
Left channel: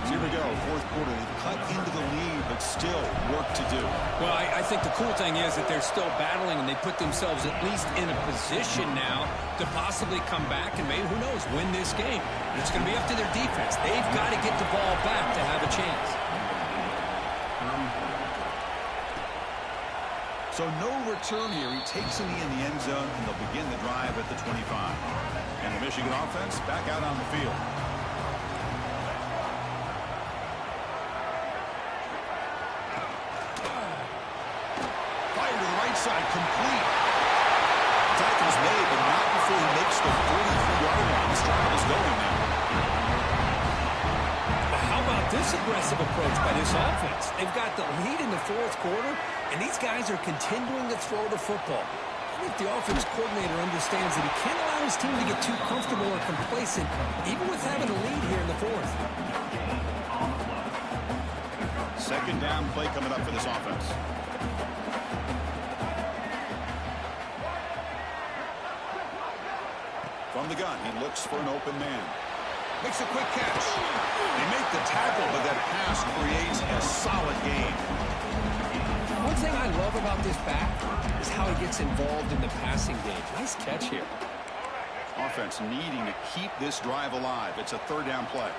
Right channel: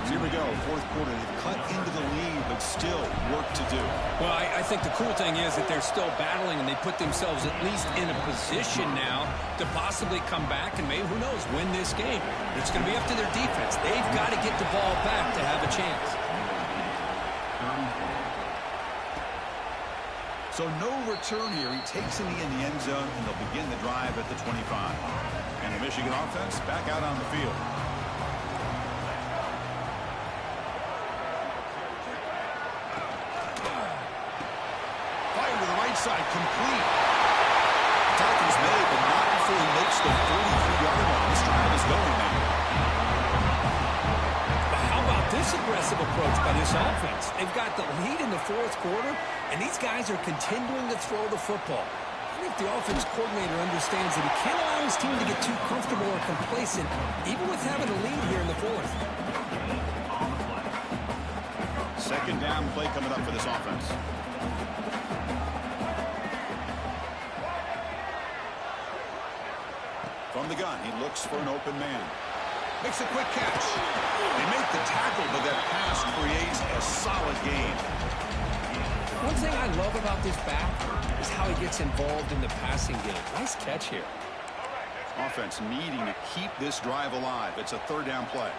So here we go, 4th quarter. They've cut into the lead, but still work to do. Well, I think the cool thing is that they're still battling, and they put themselves at least in a position now to possibly come back and maybe, who knows, win this game. But it's going to be up to their defense. They've got to get the ball back to have a chance. So no return here. He takes it in the end zone, and they'll begin the drive at the 25. And the Michigan offense back out on the field. Fire to the right side, complete. Tackle's made, but not before he makes the 43-yard line. This drive is going now. How about this aggressive approach by this offense? They've got the lead in the 4th quarter, and these guys are continuing to throw the football. I think the offense coordinator understands that he can't allow his team to get too comfortable or complacent, even with having a lead here in the 4th. Second down play coming up for this offense. From the gun, he looks for an open man. Makes a quick catch. They make the tackle, but that pass creates a solid gain. One thing I love about this back is how he gets involved in the passing game. Nice catch here. Offense needing to keep this drive alive. It's a 3rd down play.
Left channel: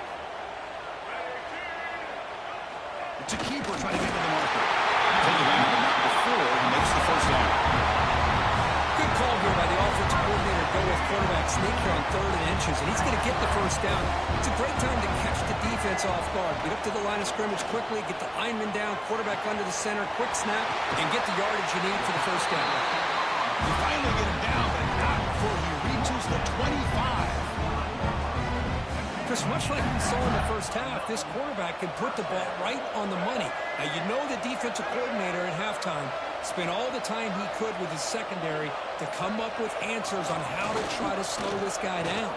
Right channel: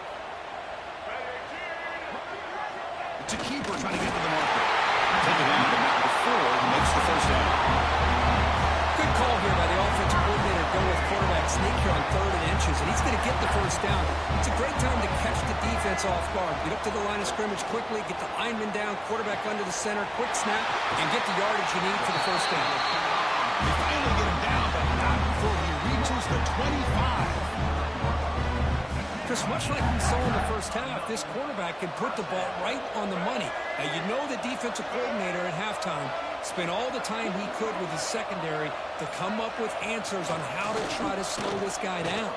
It's a keeper trying to get to the marker. Take it down, but not before he makes the first down. Good call here by the offensive coordinator. Go with quarterback sneak here on 3rd and inches, and he's going to get the first down. It's a great time to catch the defense off guard. Get up to the line of scrimmage quickly, get the lineman down, quarterback under the center, quick snap, and get the yardage you need for the first down. They finally get him down, but not before he reaches the 25. Chris, much like we saw in the first half, this quarterback can put the ball right on the money. Now, you know the defensive coordinator at halftime spent all the time he could with his secondary to come up with answers on how to try to slow this guy down.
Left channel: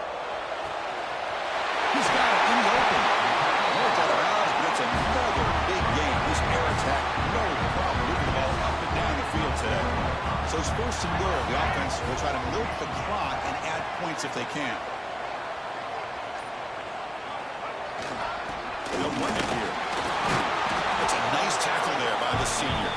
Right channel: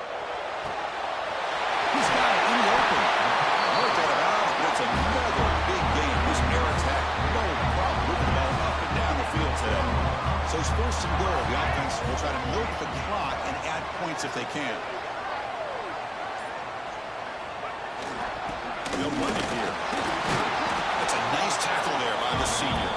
He's got it in the open. Worked out of bounds, but it's another big game. This air attack, no problem moving the ball up and down the field today. So it's first and goal. The offense will try to milk the clock and add points if they can. They'll run it here. That's a nice tackle there by the senior.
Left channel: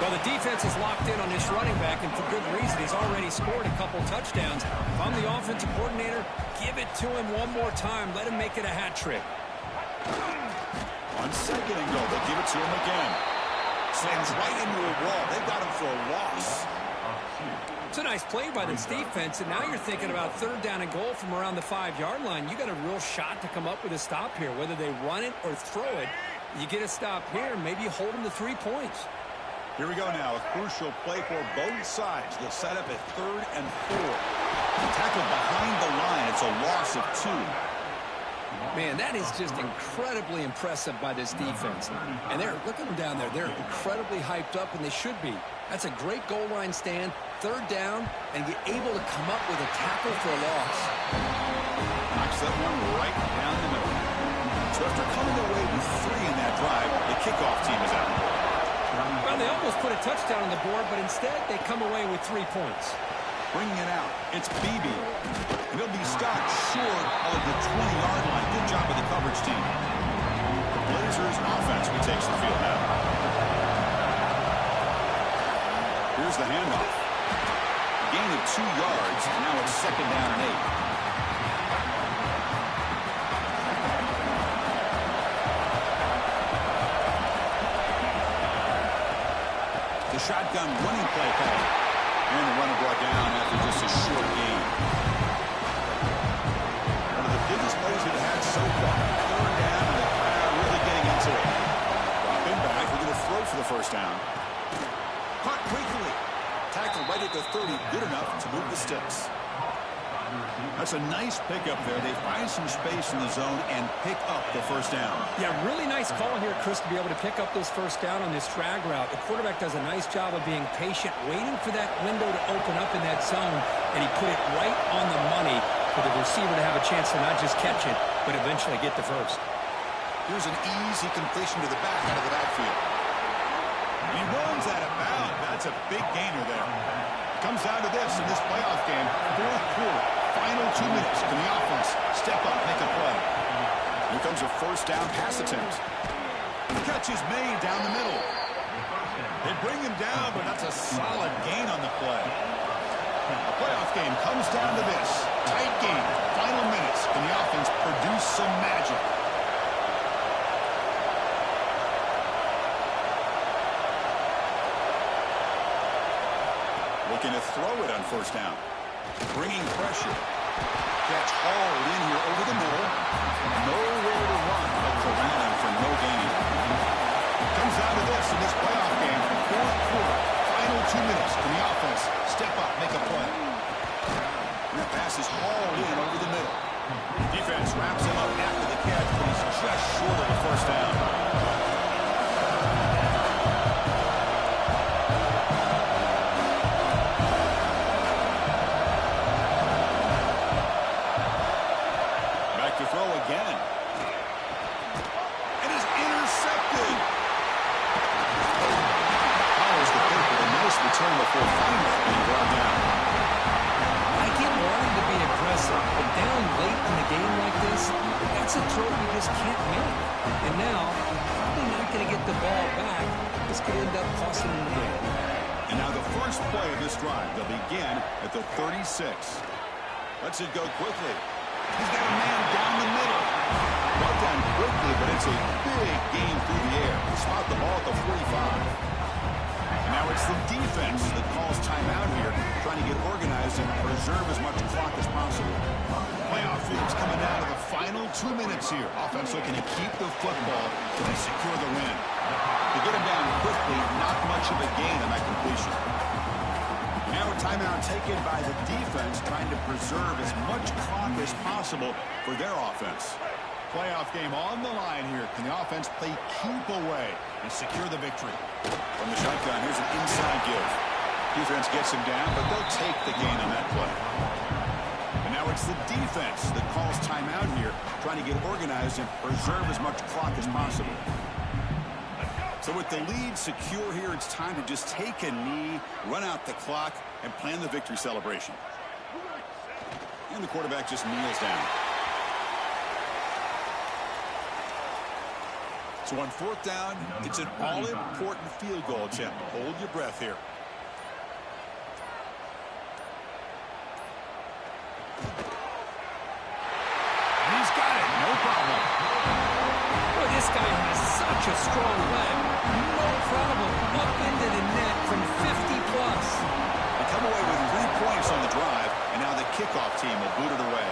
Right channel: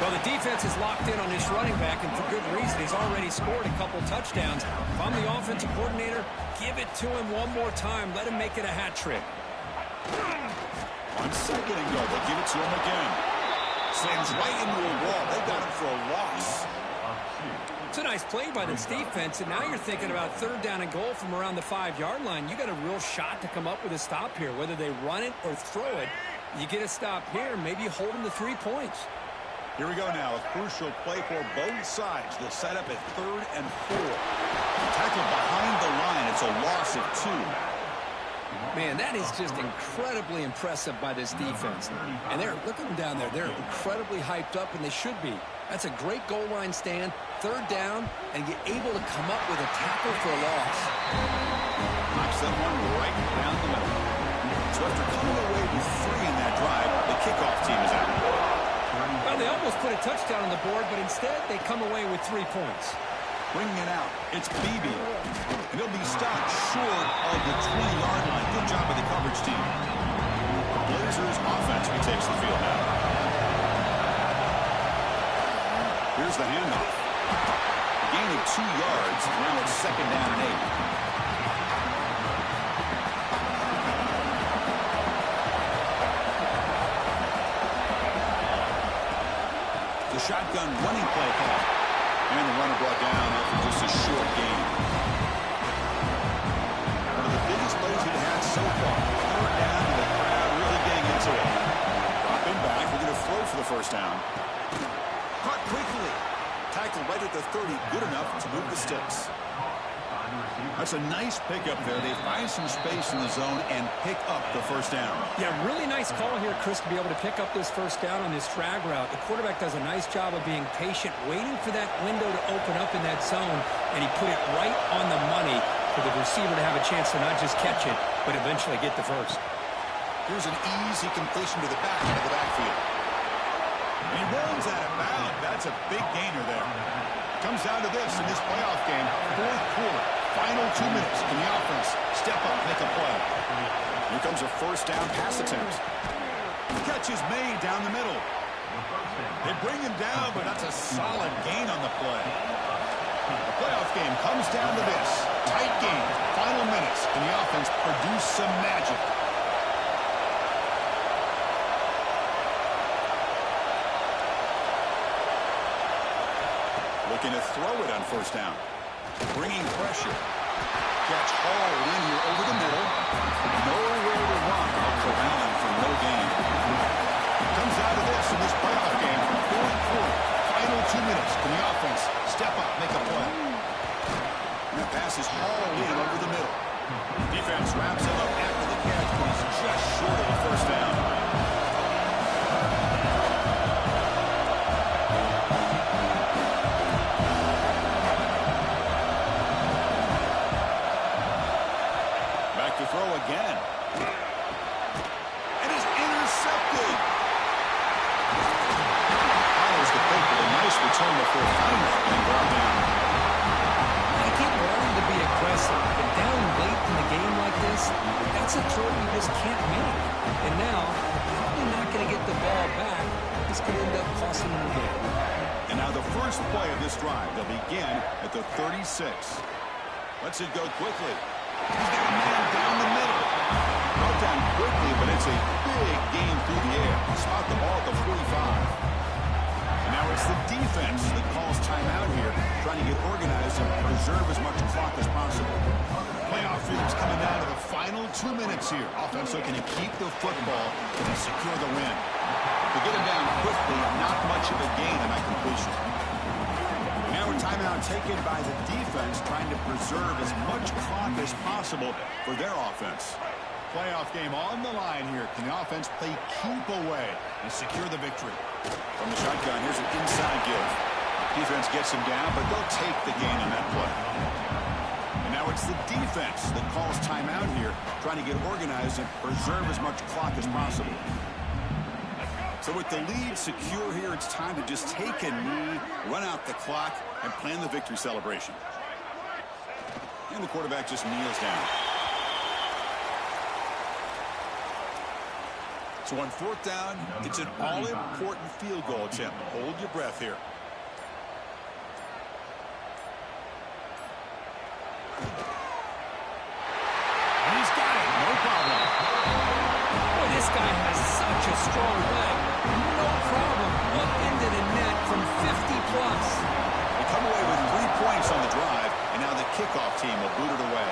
Well, the defense is locked in on this running back, and for good reason. He's already scored a couple touchdowns. If I'm the offensive coordinator, give it to him one more time. Let him make it a hat trick. On second and goal, they'll give it to him again. Slams right into a wall. They got him for a loss. It's a nice play by this defense, and now you're thinking about third down and goal from around the 5-yard line. You got a real shot to come up with a stop here. Whether they run it or throw it, you get a stop here, maybe you hold them to 3 points. Here we go now. A crucial play for both sides. They'll set up at 3rd and 4. Tackled behind the line. It's a loss of 2. Man, that is just incredibly impressive by this defense. And look at them down there. They're incredibly hyped up, and they should be. That's a great goal line stand, 3rd down, and get able to come up with a tackle for a loss. Knocks that one right down the middle. So after coming away with 3 in that drive, the kickoff team is out. Well, they almost put a touchdown on the board, but instead they come away with 3 points. Bringing it out, it's Beebe. And he'll be stopped short of the 20-yard line. Good job of the coverage team. The Blazers offense retakes the field now. Here's the handoff. A gain of 2 yards. Now it's 2nd down and 8. The shotgun running play call. And the runner brought down after just a short gain. One of the biggest plays we've had so far. 3rd down, and the crowd really getting into it. Drop in back. We're going to throw for the first down. Caught quickly. Tackled right at the 30. Good enough to move the sticks. That's a nice pickup there. They find some space in the zone and pick up the first down. Yeah, really nice call here, Chris, to be able to pick up this first down on this drag route. The quarterback does a nice job of being patient, waiting for that window to open up in that zone, and he put it right on the money for the receiver to have a chance to not just catch it, but eventually get the first. Here's an easy completion to the back out of the backfield. He runs out of bounds. That's a big gainer there. Comes down to this in this playoff game. 4th quarter. Final 2 minutes. Can the offense step up, make a play? Here comes a first down pass attempt. Catch is made down the middle. They bring him down, but that's a solid gain on the play. The playoff game comes down to this. Tight game. Final minutes. Can the offense produce some magic? Looking to throw it on first down. Bringing pressure. Catch hauled in here over the middle. Nowhere to run. They'll corral him for no gain. Comes out of this in this playoff game. 4th quarter. Final 2 minutes. Can the offense step up, make a play? And that pass is hauled in over the middle. Defense wraps him up after the catch, but he's just short of the first down. To throw again. And is intercepted. Follows the pick with a nice return before finally being brought down. I get wanting to be aggressive, but down late in the game like this, that's a throw you just can't make. And now, probably not going to get the ball back. This could end up costing him the game. And now the first play of this drive. They'll begin at the 36. Lets it go quickly. He's got a man down the middle. Brought down quickly, but it's a big game through the air. Spot the ball at the 45. And now it's the defense that calls timeout here, trying to get organized and preserve as much clock as possible. Playoff field's coming down to the final 2 minutes here. Offense looking to keep the football and secure the win. To get him down quickly, not much of a gain on that completion. Now a timeout taken by the defense, trying to preserve as much clock as possible for their offense. Playoff game on the line here. Can the offense play keep away and secure the victory? From the shotgun, here's an inside give. Defense gets him down, but they'll take the gain on that play. And now it's the defense that calls timeout here, trying to get organized and preserve as much clock as possible. So with the lead secure here, it's time to just take a knee, run out the clock, and plan the victory celebration. And the quarterback just kneels down. So on fourth down, it's an all-important field goal attempt. Hold your breath here. And he's got it. No problem. Boy, this guy has such a strong leg. No problem. Up into the net from 50 plus. They come away with 3 points on the drive, and now the kickoff team will boot it away.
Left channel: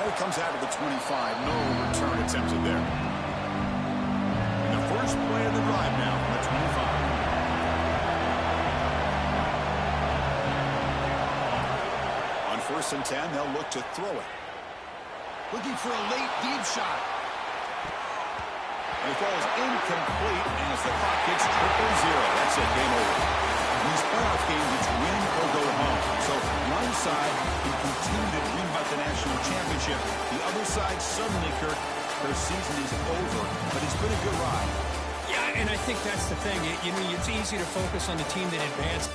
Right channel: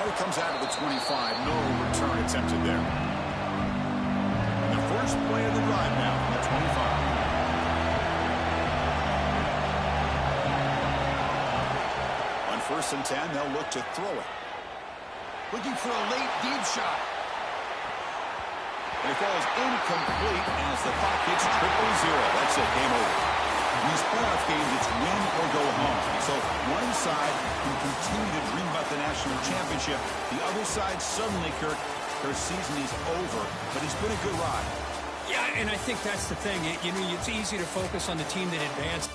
Now it comes out of the 25. No return attempted there. And the first play of the drive now from the 25. On 1st and 10, they'll look to throw it. Looking for a late deep shot. And it falls incomplete as the clock hits 0-0. That's it, game over. In these playoff games, it's win or go home. So one side can continue to dream about the national championship. The other side suddenly, Kirk, their season is over, but it's been a good ride. Yeah, and I think that's the thing. You know, it's easy to focus on the team that advanced.